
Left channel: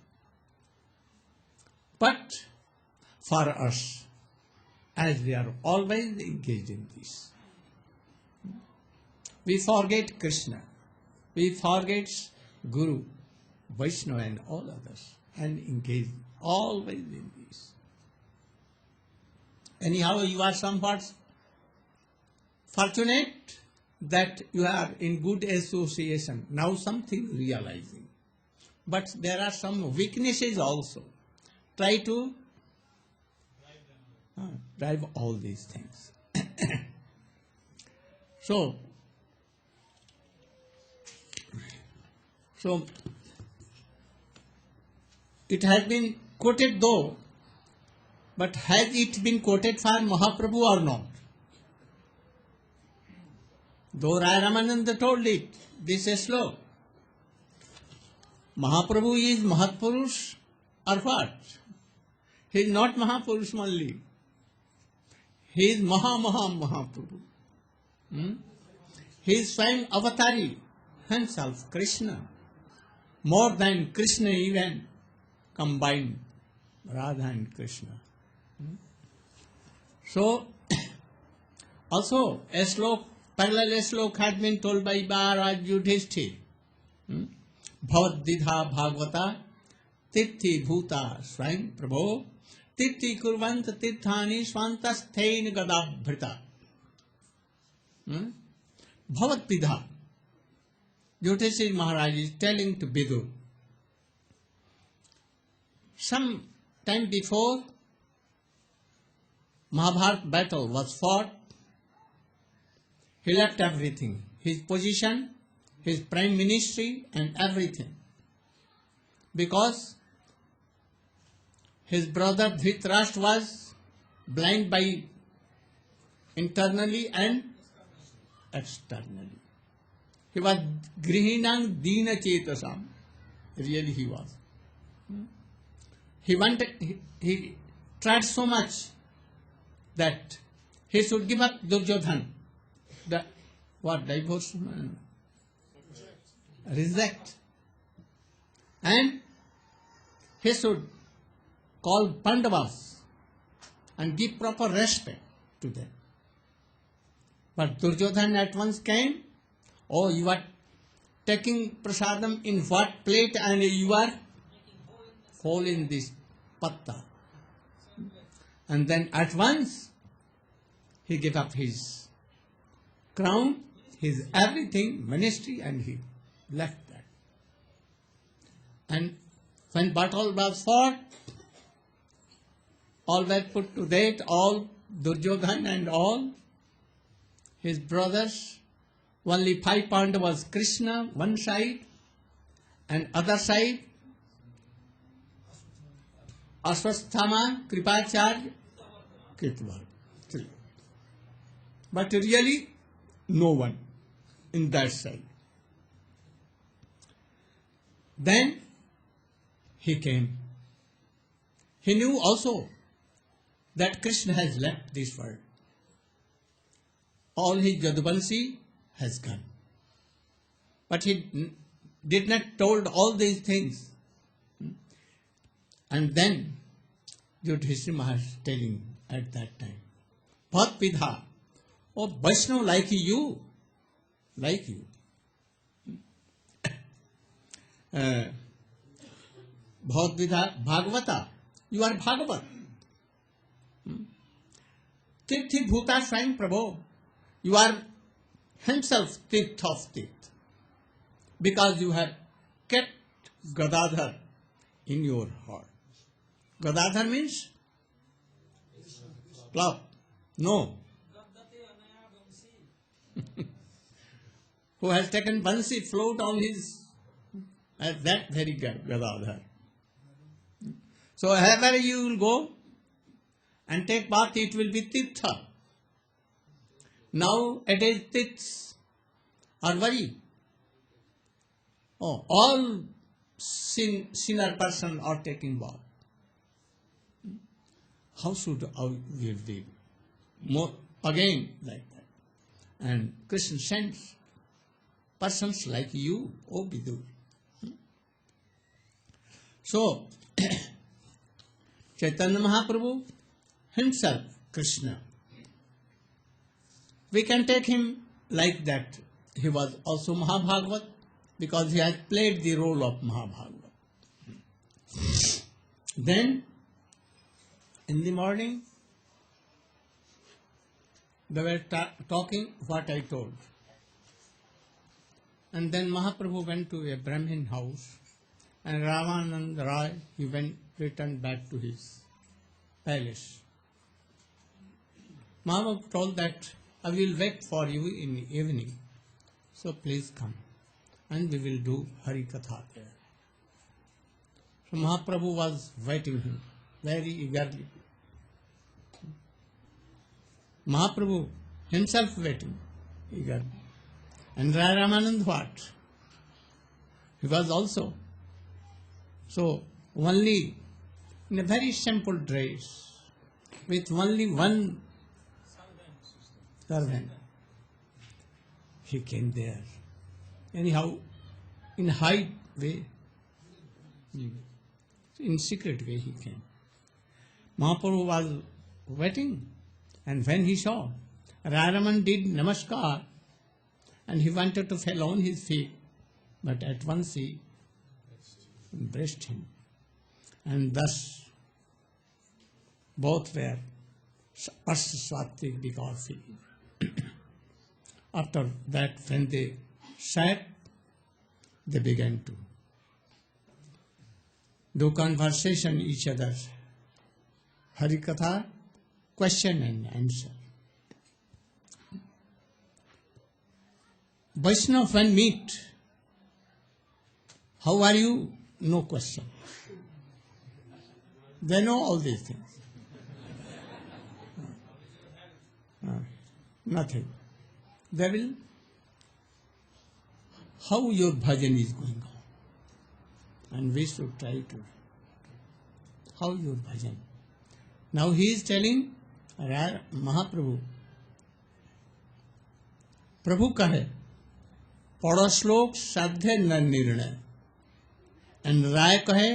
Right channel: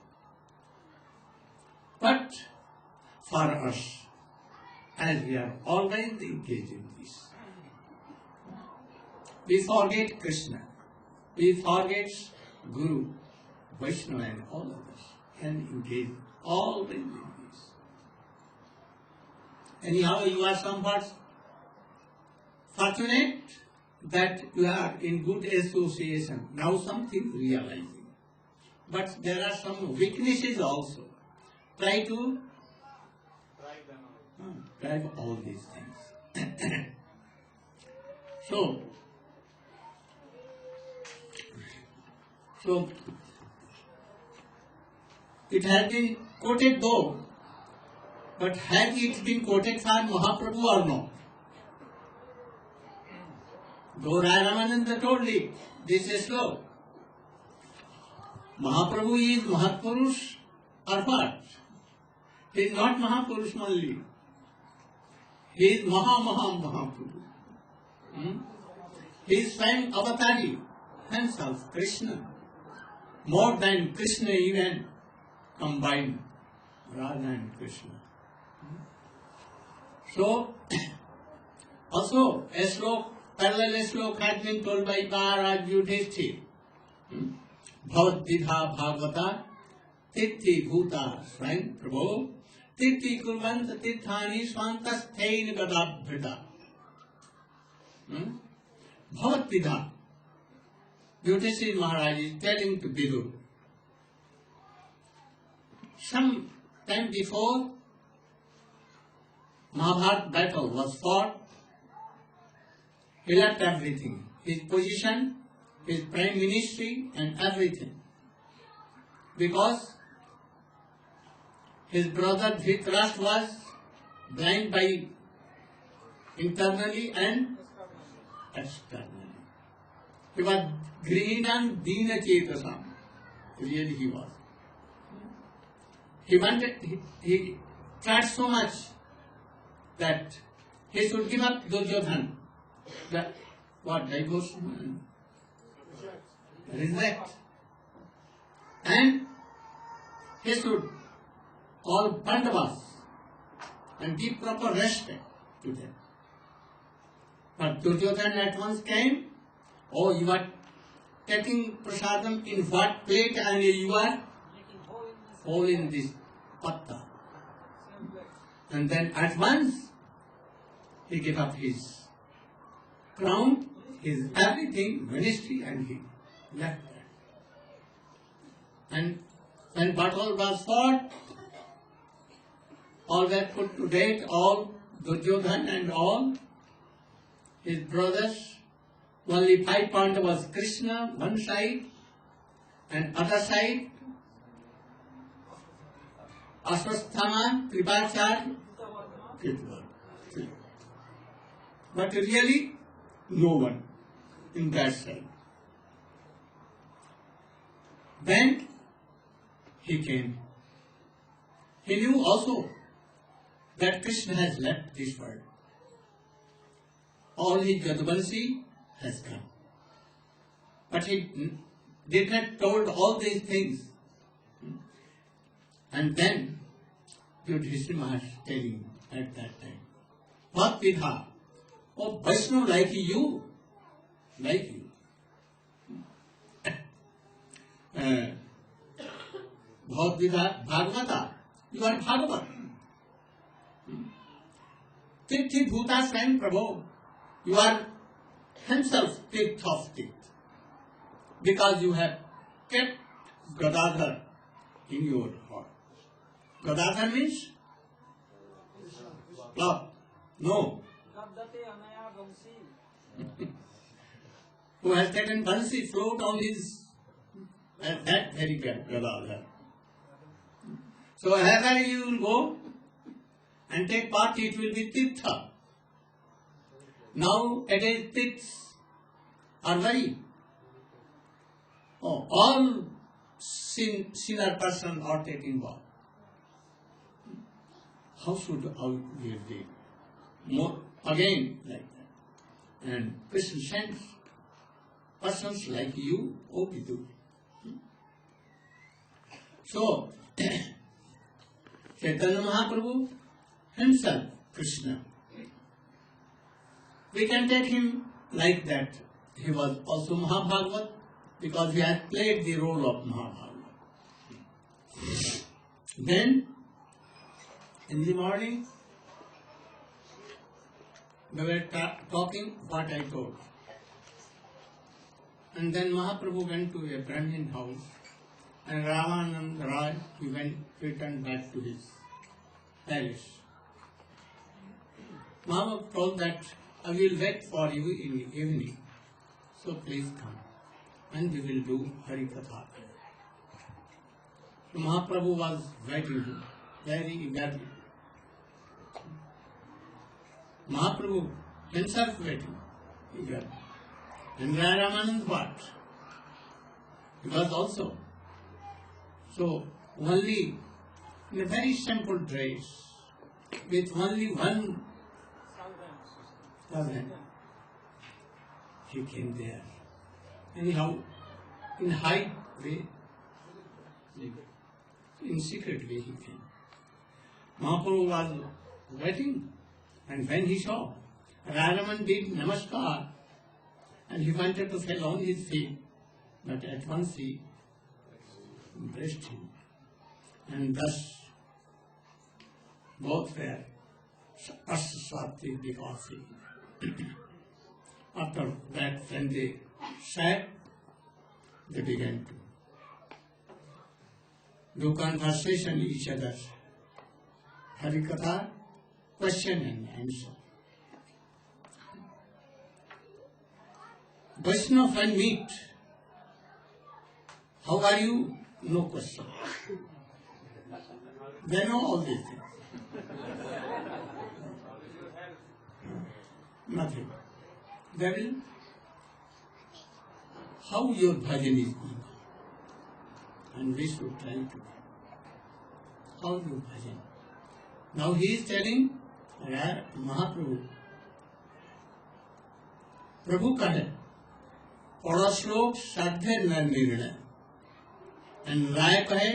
but for us, as we are always engaged in this. We forget Krishna, we forget Guru, Vaishnava and all others, and engage always in this. Anyhow, you are somewhat fortunate that you are in good association. Now something realizing. But there are some weaknesses also. Try to drive all these things. So, it has been quoted though, but has it been quoted for Mahaprabhu or not? Though Raya Ramananda told it, this is slow. Mahaprabhu is Mahapurush or what? He is not Mahapurush only. He is Mahaprabhu. He is Swayam Avatari, himself, Krishna. More than Krishna even combined, Radha and Krishna. So, also a slok, parallel slok had been told by Maharaj Yudhishthir. Bhavat Didha Bhagavata Tithi Bhuta Swayam Prabho Tithi Kurvant Tithani Swantasthein Gadabhrita. Bhavat Didha. Yudhishthir Maharaj is telling to Vidur. Some time before Mahabharata battle was fought, he left everything, his position, his prime ministry and everything, because his brother Dhritarashtra was blind by internally and externally. He was Grihinam Dina Chetasam. Really he was. He tried so much that he should give up Duryodhan. Divorce? Reject. And he should call Pandavas and give proper respect to them. But Duryodhan at once came. Oh, you are taking prasadam in what plate and you are fall in this patta. And then at once he gave up his crown, his everything, ministry, and he left that. And when battle was fought, all were put to death, all Duryodhan and all his brothers. Only 5 Pandavas, Krishna one side, and other side Ashwasthama, Kripacharya, Kritva. But really, no one in that side. Then he came. He knew also that Krishna has left this world. All his Jadvansi has gone. But he did not told all these things. And then Yudhishthira Maharaj telling at that time, Bhat Vidha, oh Vaishnav like you. Bhat Vidha Bhagavata, you are Bhagavat. Tithi Bhuta Swayam Prabho, you are himself Tirth of Tirth. Because you have kept Gadadhar in your heart. Gadadhar means? Love. No. Who has taken Bansi float on his, that very Gadadhar. So wherever you will go and take part, it will be Tirtha. Now it is Tirths are very. Oh, all sinner person are taking bath. How should we be? More again like that. And Krishna sends persons like you, O Vidur. So Chaitanya Mahaprabhu himself, Krishna, we can take him like that. He was also Mahabhagavat because he has played the role of Mahabhagavat. Then in the morning, They were talking what I told. And then Mahaprabhu went to a Brahmin house, and Ramananda Rai, he returned back to his palace. Mahaprabhu told that I will wait for you in the evening, so please come, and we will do Hari Katha. So Mahaprabhu was waiting him very eagerly. Mahaprabhu himself waiting eagerly. And Raya Ramananda what? He was also. So only in a very simple dress, with only one servant, he came there. Anyhow, in high way, in secret way he came. Mahaprabhu was waiting, and when he saw, Raya Ramananda did namaskar, and he wanted to fall on his feet, but at once he embraced him. And thus, both were Swatik because after that, when they sat, they began to do conversation each other, Harikatha, question and answer. Vaishnava when meet, how are you? No question. They know all these things. Nothing. They will, how your bhajan is going on. And we should try to, how your bhajan. Now he is telling Mahaprabhu, Prabhu kahe, पढ़ो श्लोक साध्य न निर्णय and राय कहे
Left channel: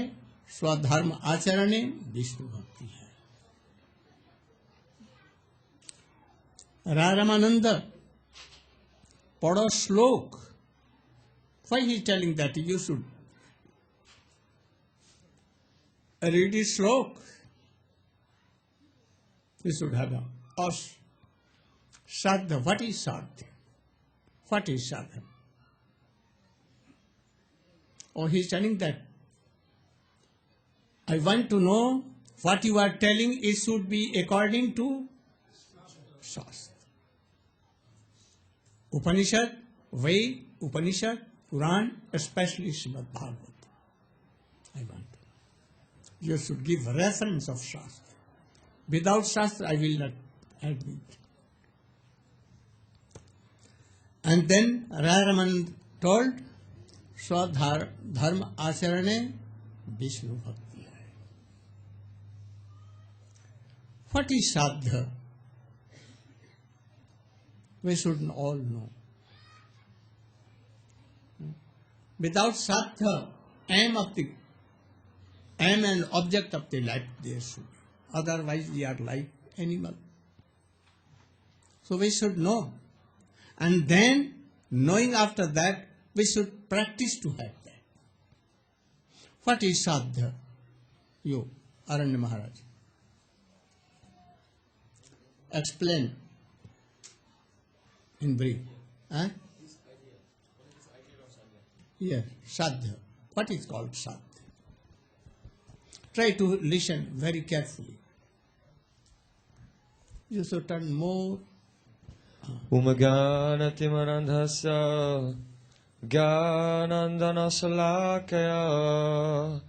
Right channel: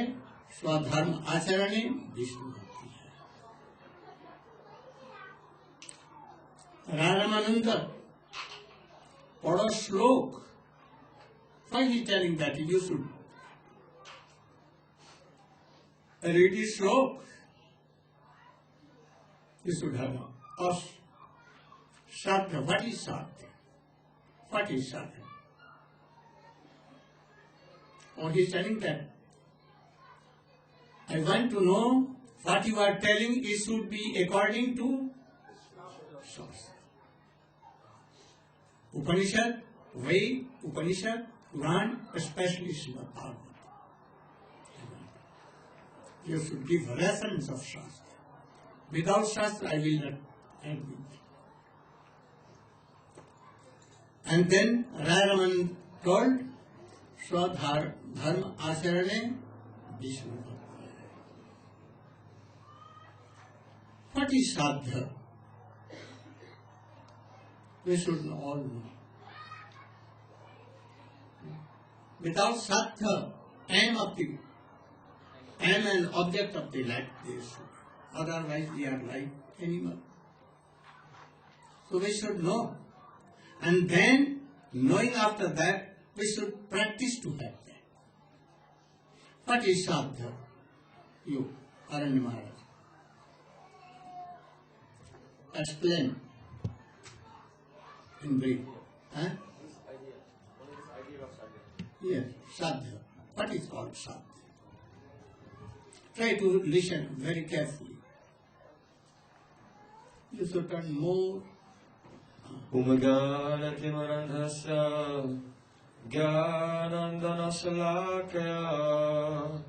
स्वधर्म आचरणे विष्णु भक्ति है। राय रामानंद पढ़ो श्लोक, why he is telling that you should read the श्लोक, you should have a sadhya. What is sadhya? What is sadhya? Or he is telling that I want to know what you are telling, it should be according to Shastra. Upanishad, Ved, Upanishad, Quran, especially Srimad Bhagavad. You should give reference of Shastra. Without Shastra, I will not admit. And then Raya Ramananda told, स्वधर्म आचरणे विष्णु भक्ति है। What is sadhya? We should all know. Without sadhya, aim and object of the life they should. Otherwise we are like animal. So we should know. And then, knowing after that, we should practice to have that. What is sadhya? You, Aranya Maharaj. Explain in brief. Huh? Yes, sadhya. What is called sadhya? Try to listen very carefully. You should turn more. Umaganatimarandhasa Gyanandana Salakaya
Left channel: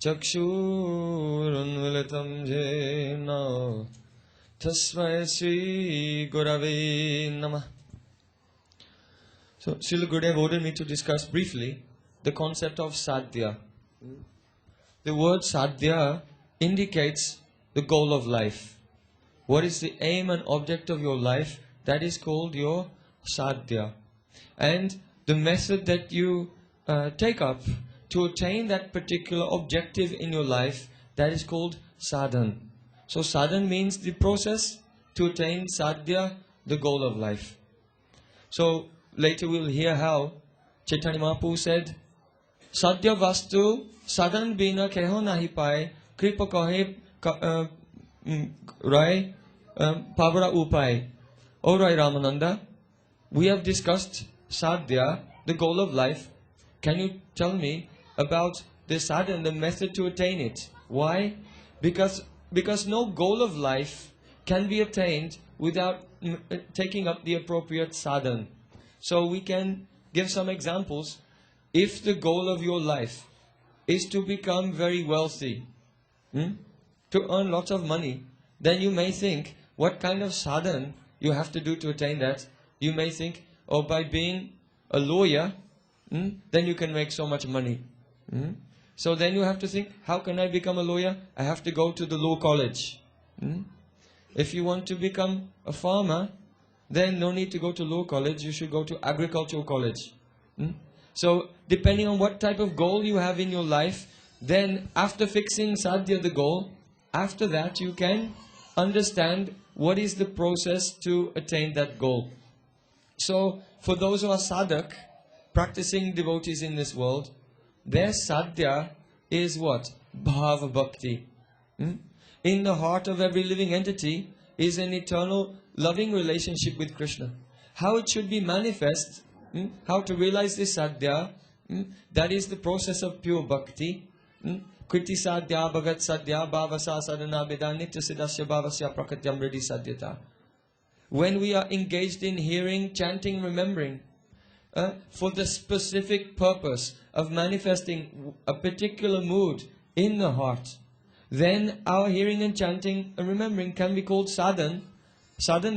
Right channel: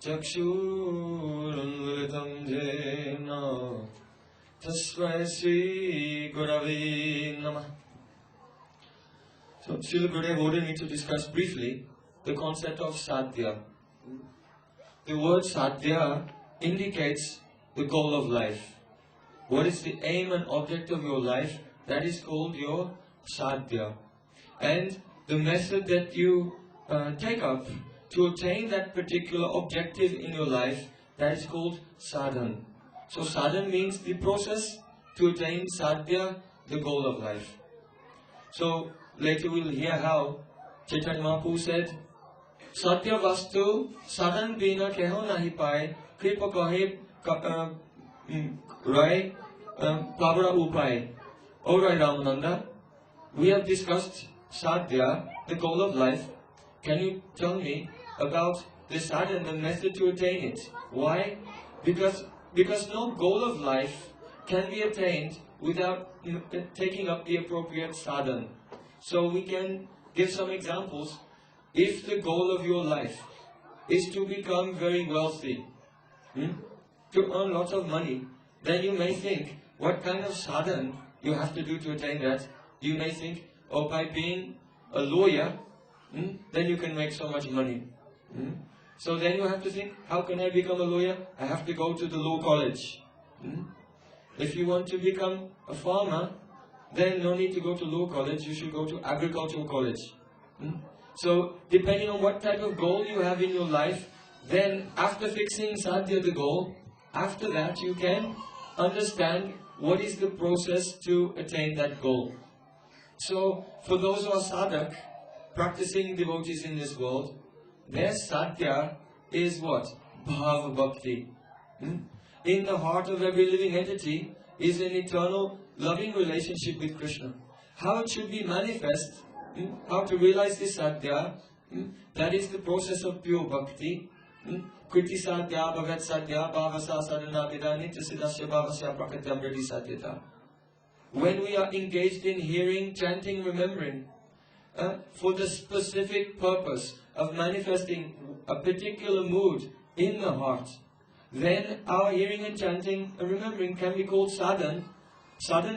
Chakshurunvalitam Jena Tasmai Sri Gurave Namah. So Srila Gurudeva ordered me to discuss briefly the concept of sadhya. The word sadhya indicates the goal of life. What is the aim and object of your life? That is called your sadhya. And the method that you take up to attain that particular objective in your life, that is called sadhan. So sadhan means the process to attain sadhya, the goal of life. So later we will hear how Chaitanya Mahaprabhu said, Sadhya vastu sadhan bina keho nahi pae kripa kahe rai pavara upai. Alright, Ramananda, we have discussed sadhya, the goal of life. Can you tell me about the sadhana, the method to attain it? Why? Because no goal of life can be attained without taking up the appropriate sadhana. So we can give some examples. If the goal of your life is to become very wealthy, to earn lots of money, then you may think, what kind of sadhana you have to do to attain that? You may think, oh, by being a lawyer, then you can make so much money. So then you have to think, how can I become a lawyer? I have to go to the law college. If you want to become a farmer, then no need to go to law college, you should go to agricultural college. So depending on what type of goal you have in your life, then after fixing sadhya, the goal, after that you can understand what is the process to attain that goal. So for those who are sadhak, practicing devotees in this world, their sadhya is what? Bhava bhakti. In the heart of every living entity is an eternal loving relationship with Krishna. How it should be manifest, how to realize this sadhya, that is the process of pure bhakti. Kriti sadhya bhavat sadhya bhavasa sadhana vedani tasidasya bhavasya prakatyam ridi sadhyata. When we are engaged in hearing, chanting, remembering, for the specific purpose of manifesting a particular mood in the heart, then our hearing and chanting and remembering can be called sadhan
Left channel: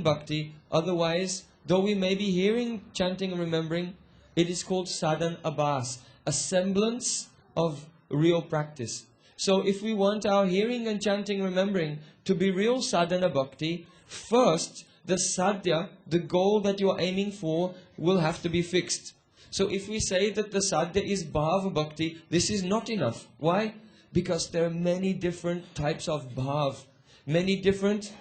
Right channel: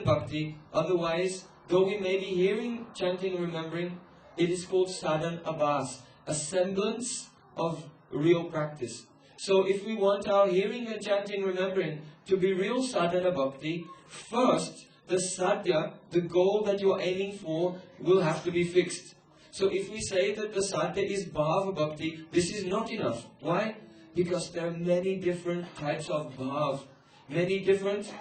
bhakti. Otherwise, though we may be hearing, chanting and remembering, it is called sadhan abhas, a semblance of real practice. So if we want our hearing and chanting remembering to be real sadhana bhakti, first the sadhya, the goal that you are aiming for, will have to be fixed. So if we say that the sadhya is bhava bhakti, this is not enough. Why? Because there are many different types of bhav, many different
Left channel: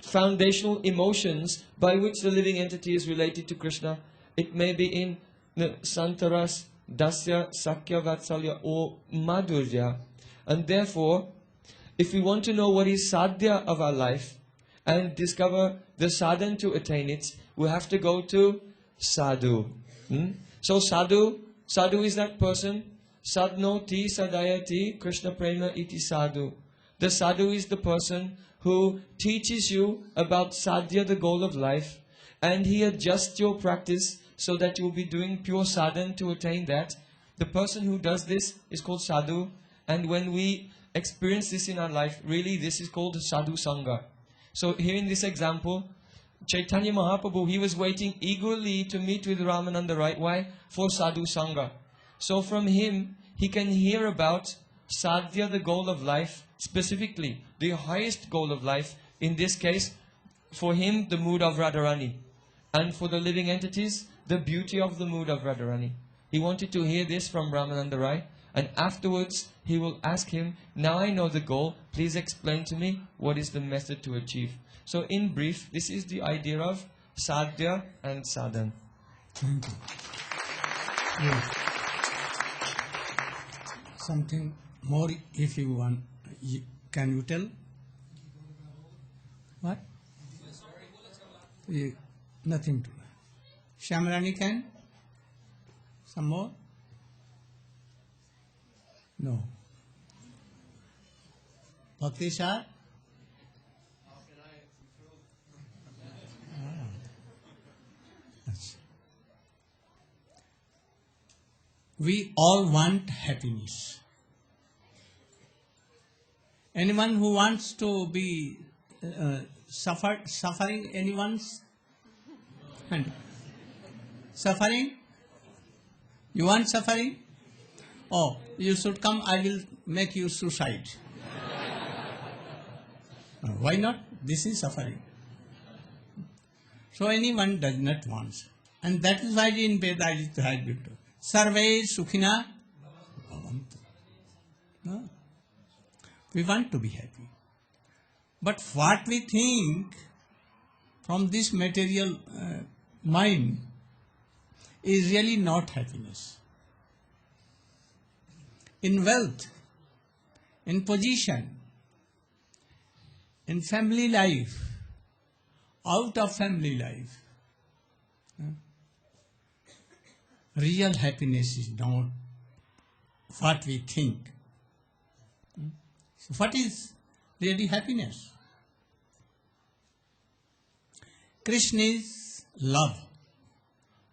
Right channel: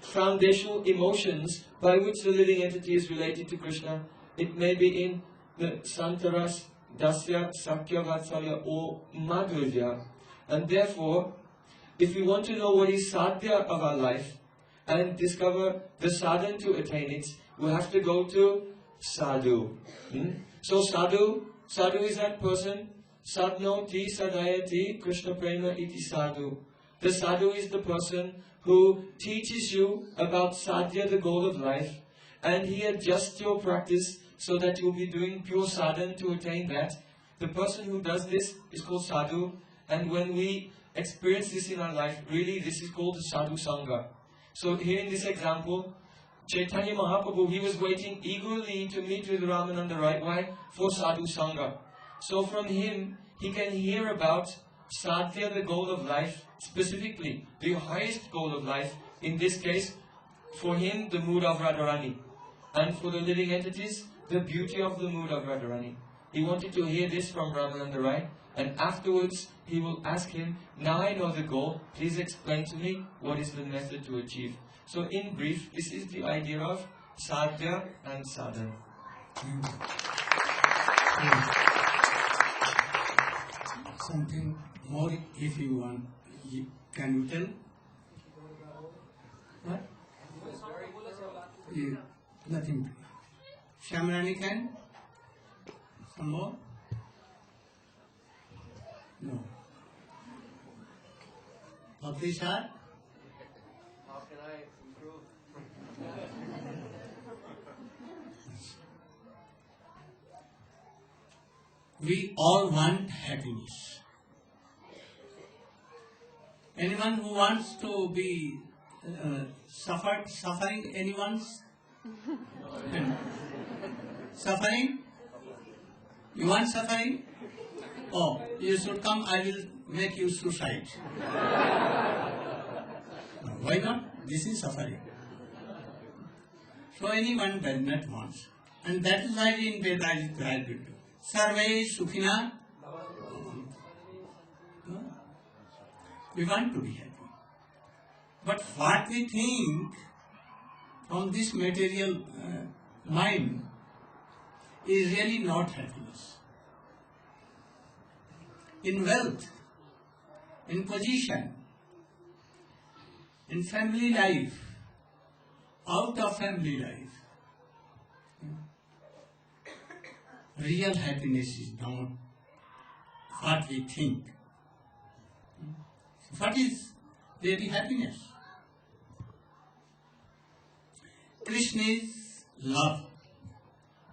foundational emotions by which the living entity is related to Krishna. It may be in the santaras, dasya, sakya, vatsalya or madhurya. And therefore, if we want to know what is sadhya of our life and discover the sadhana to attain it, we have to go to sadhu. So sadhu is that person. Sadnoti sadayati Krishna prema iti sadhu. The sadhu is the person who teaches you about sadhya, the goal of life, and he adjusts your practice so that you will be doing pure sadhana to attain that. The person who does this is called sadhu, and when we experience this in our life, really this is called sadhu sangha. So here in this example, Chaitanya Mahaprabhu, he was waiting eagerly to meet with Ramananda, right? Why? For sadhu sangha. So from him, he can hear about sadhya, the goal of life, specifically the highest goal of life. In this case, for him, the mood of Radharani. And for the living entities, the beauty of the mood of Radharani. He wanted to hear this from Ramananda Rai. And afterwards, he will ask him, now I know the goal, please explain to me what is the method to achieve. So in brief, this is the idea of sadhya and sadhana. Something more if you want, can you tell? What? Yeah, nothing to. Shamrani can? Some more? No. Bhakti Shah? How can I improve? We all want happiness. Anyone who wants to be suffering, anyone's suffering? You want suffering? Oh, you should come, I will make you suicide. Why not? This is suffering. So anyone does not want. And that is why in Veda it is written, Sarve Sukhina. No? We want to be happy. But what we think from this material mind is really not happiness. In wealth, in position, in family life, out of family life. Real happiness is not what we think. So what is really happiness? Krishna is love.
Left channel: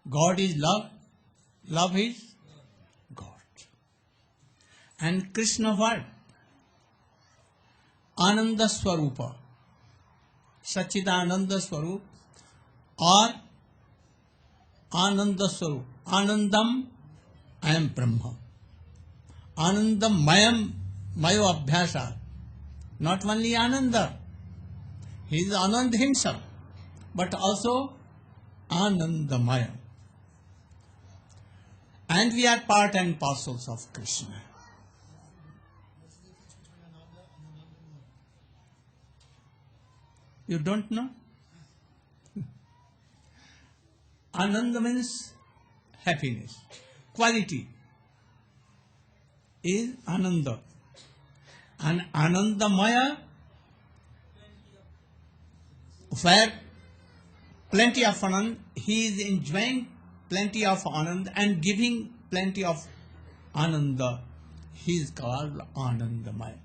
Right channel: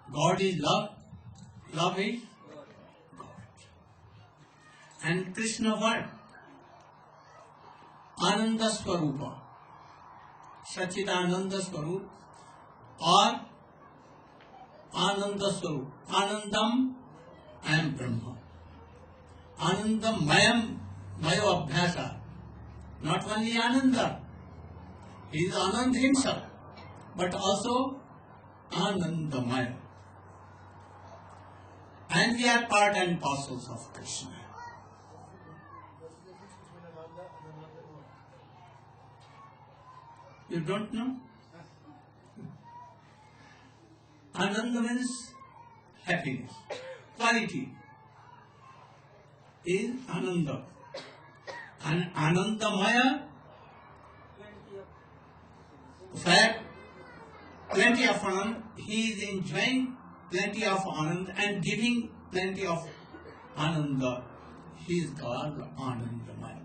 God is love. Love is God. And Krishna what? Ananda Swarupa. Sachidananda Swarup or Ananda Swarup. Anandam, I am Brahma. Anandam, Mayo Abhyasa. Not only Ananda, he is Anand himself, but also Anandamaya. And we are part and parcels of Krishna. You don't know? Ananda means happiness. Quality is Ananda. And Anandamaya, where plenty of Anand, he is enjoying plenty of Anand and giving plenty of Ananda. He is called Anandamaya.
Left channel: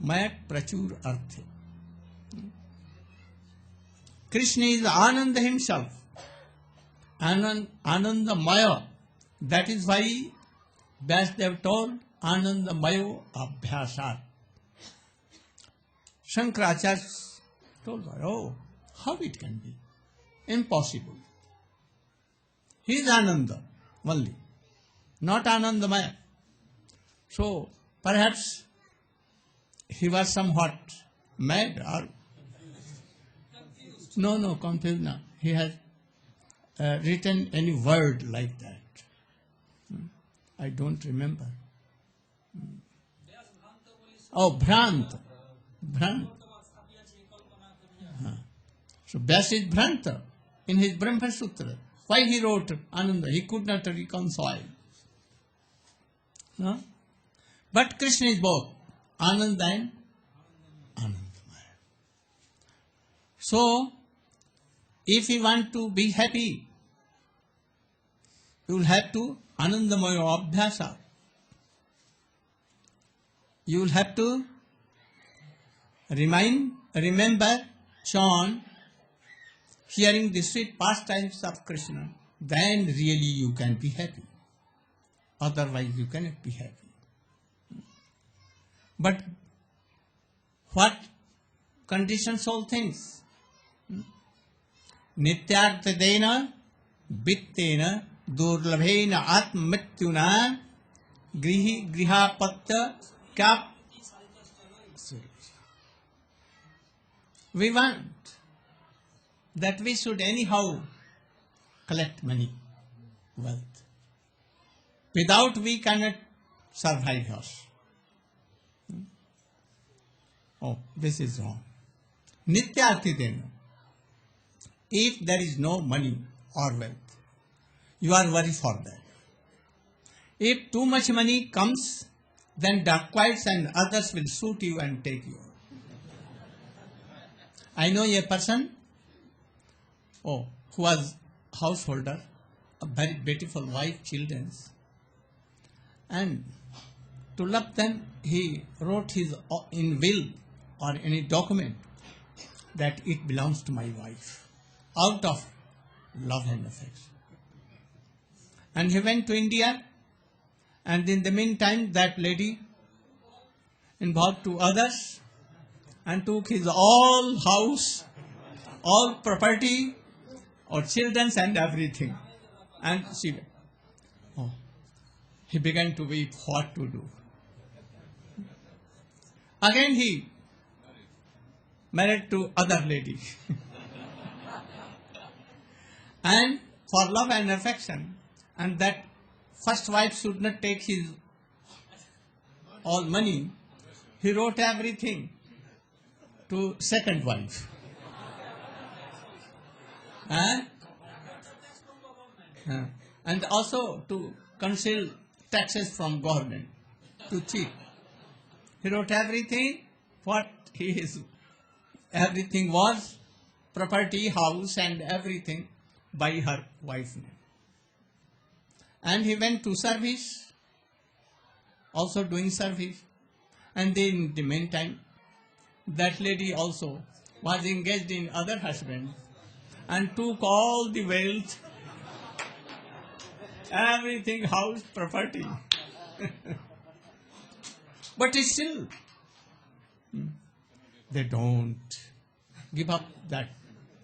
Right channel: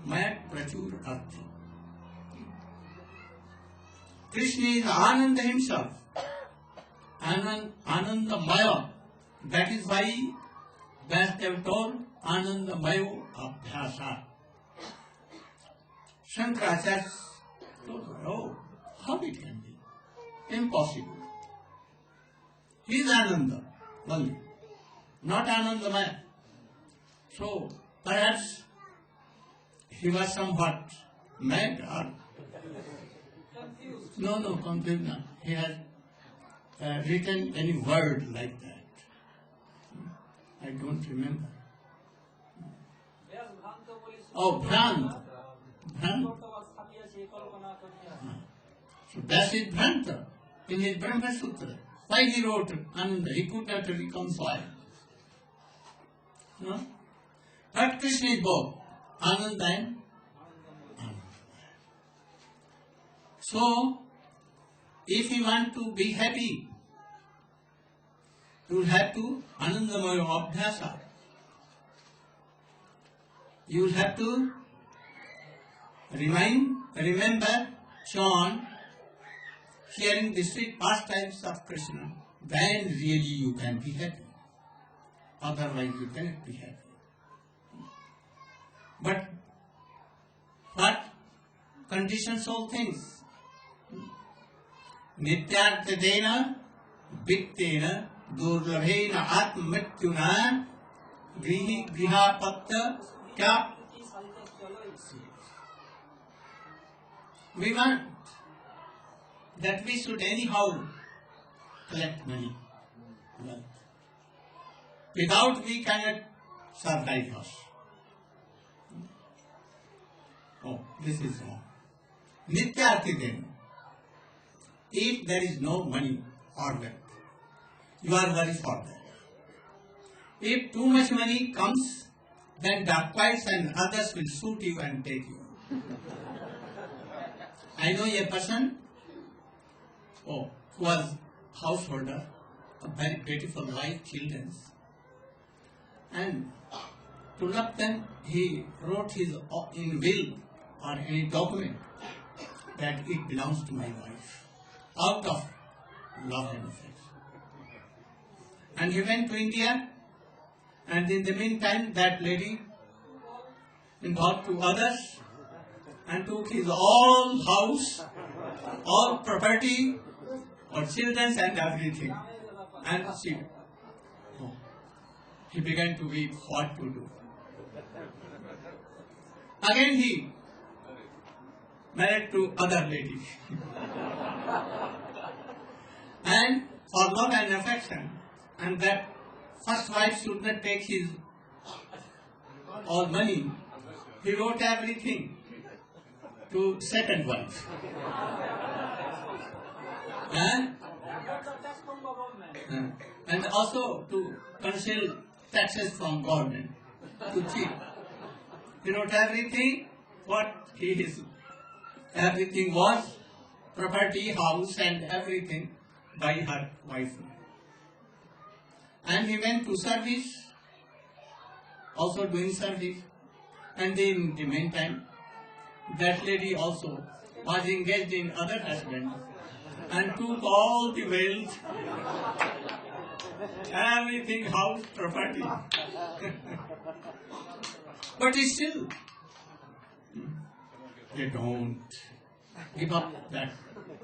Maya Prachur Artha. Krishna is Ananda himself. Anandamaya. That is why Vyasdev told Anandamayo Abhyasa. Shankaracharya told her, oh, how it can be? Impossible. He is Ananda only, not Anandamaya. So perhaps he was somewhat mad or no, confused not. He has written any word like that. I don't remember. Oh, Bhrant. So Vyasa is Bhranta in his Brahma Sutra. Why he wrote Ananda? He could not reconcile. No? But Krishna is both Ananda and Anandamaya. So, if you want to be happy, you will have to Anandamaya Abhyasa. You will have to remember, chant, hearing the sweet pastimes of Krishna, then really you can be happy. Otherwise you cannot be happy. But what conditions all things? Nityartadena vittena durlabhena atmrityuna grihapatta kya. We want that we should anyhow collect money, wealth. Without we cannot survive us. Oh, this is wrong. Nityartidena. If there is no money or wealth, you are worried for that. If too much money comes, then dacoits and others will shoot you and take you. I know a person who was householder, a very beautiful wife, children, and to love them, he wrote his in will or any document that it belongs to my wife, out of love and affection. And he went to India, and in the meantime, that lady involved to others and took his all house, all property, or children and everything. And he began to weep what to do. Again he married to other lady. And for love and affection, and that first wife should not take his all money, he wrote everything to second wife. And also to conceal taxes from government, to cheat. He wrote everything, what everything was property, house and everything by her wife. And he went to service, also doing service. And in the meantime, that lady also was engaged in other husband and took all the wealth, everything, house, property. But still, they don't give up that.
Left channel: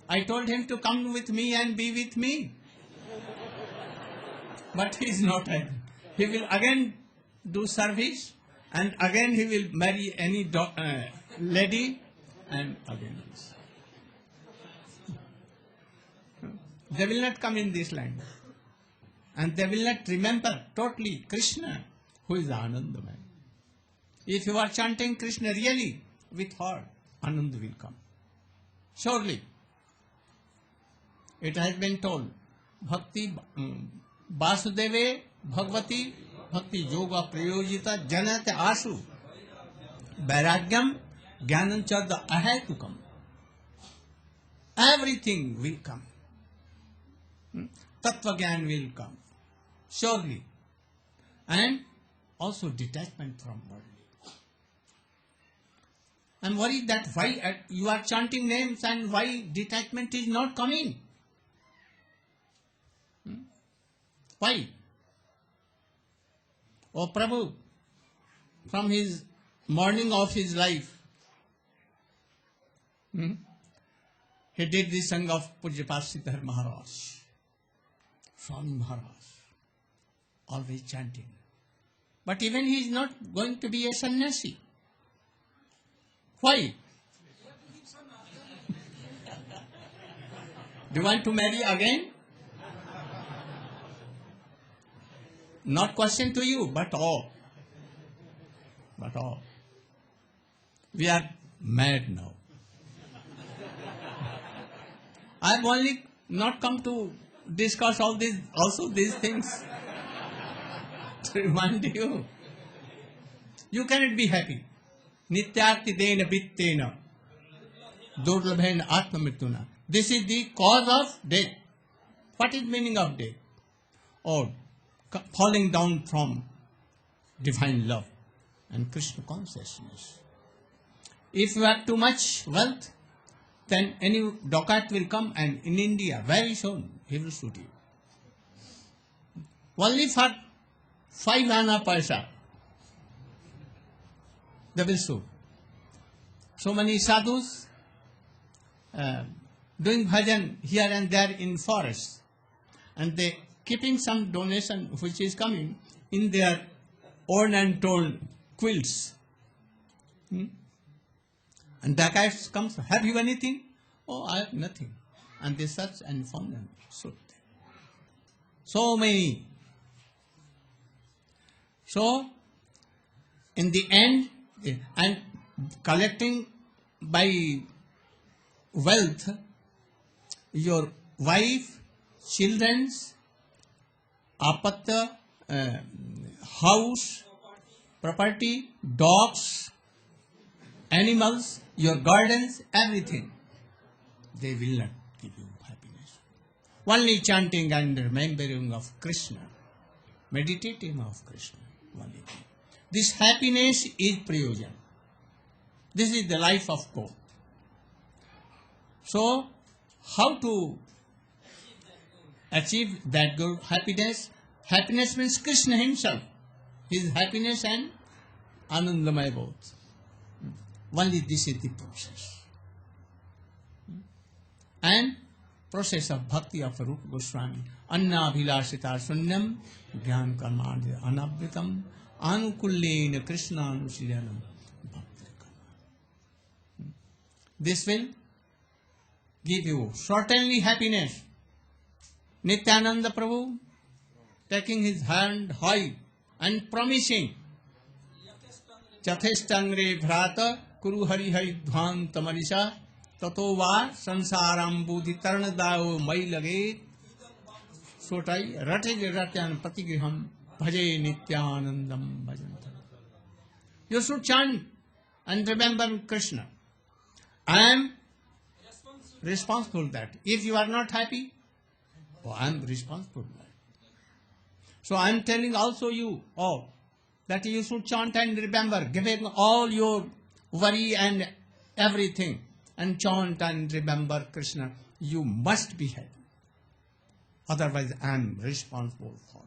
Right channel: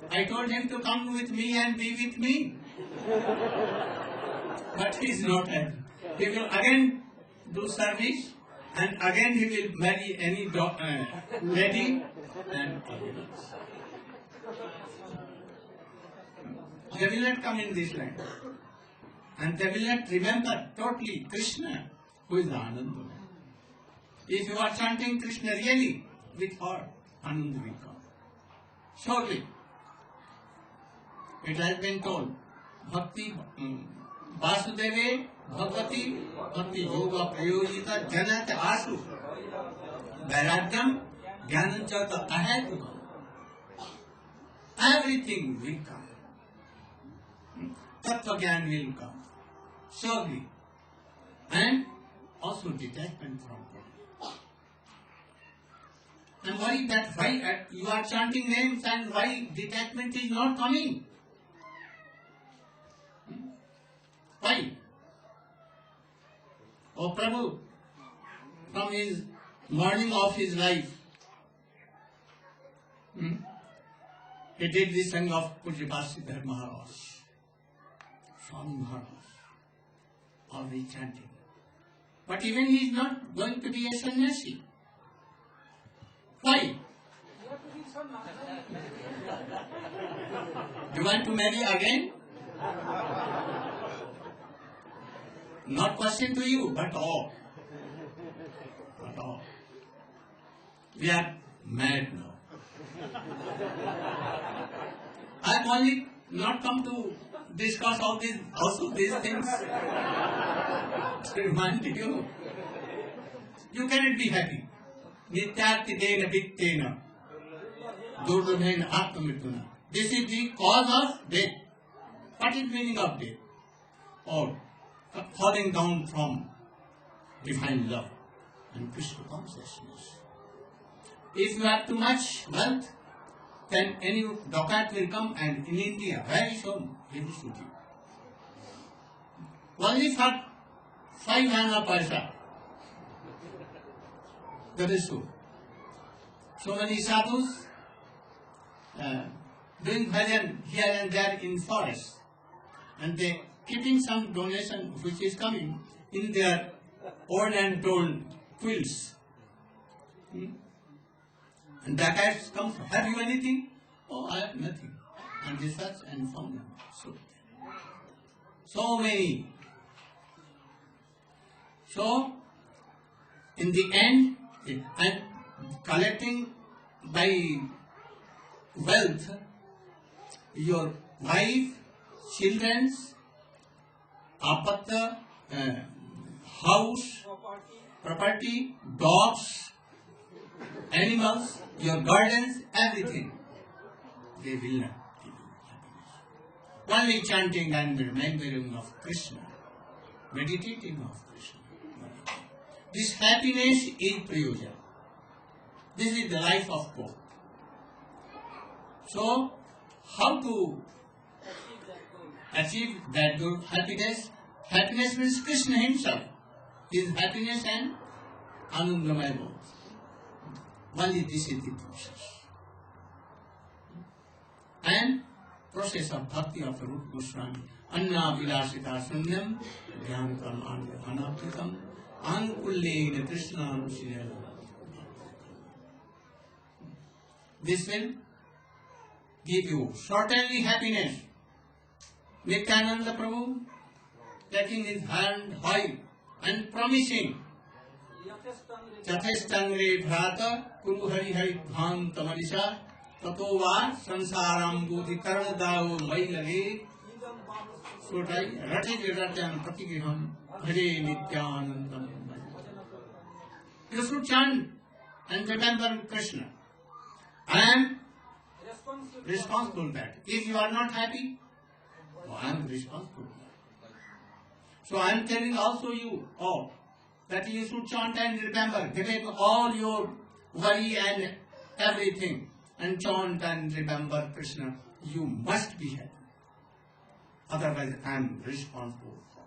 I told him to come with me and be with me. But he is not happy. He will again do service and again he will marry any lady and other else. They will not come in this land. And they will not remember totally Krishna, who is Anandamaya. If you are chanting Krishna really with heart, Ananda will come. Surely, it has been told, Bhakti Vasudeve Bhagavati Bhakti Yoga Prayojita Janat Asu Vairagyam Jnanam Chada Ahetukam. Everything will come. Tattva Gyan will come. Surely. And also detachment from body. And worry that why you are chanting names and why detachment is not coming. Why? Oh Prabhu, from his morning of his life, he did the song of Pujyapat Siddhar Maharaj, Swami Maharaj, always chanting. But even he is not going to be a sannyasi. Why? Do you want to marry again? Not question to you, but all. But all. We are mad now. I have only not come to discuss all these, also these things to remind you. You cannot be happy. Nityarti dena pittena durlabhen atmamrituna. This is the cause of death. What is meaning of death? Or falling down from divine love and Krishna consciousness. If you have too much wealth, then any dacoit will come and in India, very soon, he will shoot you. Only for 5 anna paisa, they will shoot. So many sadhus doing bhajan here and there in forest, and they keeping some donation which is coming in their worn and torn quilts. And the guy comes, have you anything? Oh, I have nothing. And they search and found them. So many. So, in the end, and collecting by wealth, your wife, children's, apatya, house, property, dogs, animals, your gardens, everything. They will not give you happiness. Only chanting and remembering of Krishna, meditating of Krishna. This happiness is prayojan. This is the life of God. So, how to achieve that good happiness? Happiness means Krishna himself. His happiness and Anandamaya both. Only this is the process. And process of bhakti of Rupa Goswami. Anna vilasita sunyam jnana karmanya anabdikam ankullena Krishna anusirela. This will give you certainly happiness. Nityananda Prabhu taking his hand high and promising Chathestangre Bhrata Kuru Hari Hari Dhvan Tamarisha Tato Va Sansaram Bhuti Taranadao Mai Lage Sotai Rate Ratyan Patigriham Bhaje Nityanandam. You should chant and remember Krishna. I am responsible that. If you are not happy, well, I am responsible. So I am telling also you all that you should chant and remember, giving all your worry and everything, and chant and remember Krishna. You must be happy. Otherwise, I am responsible for.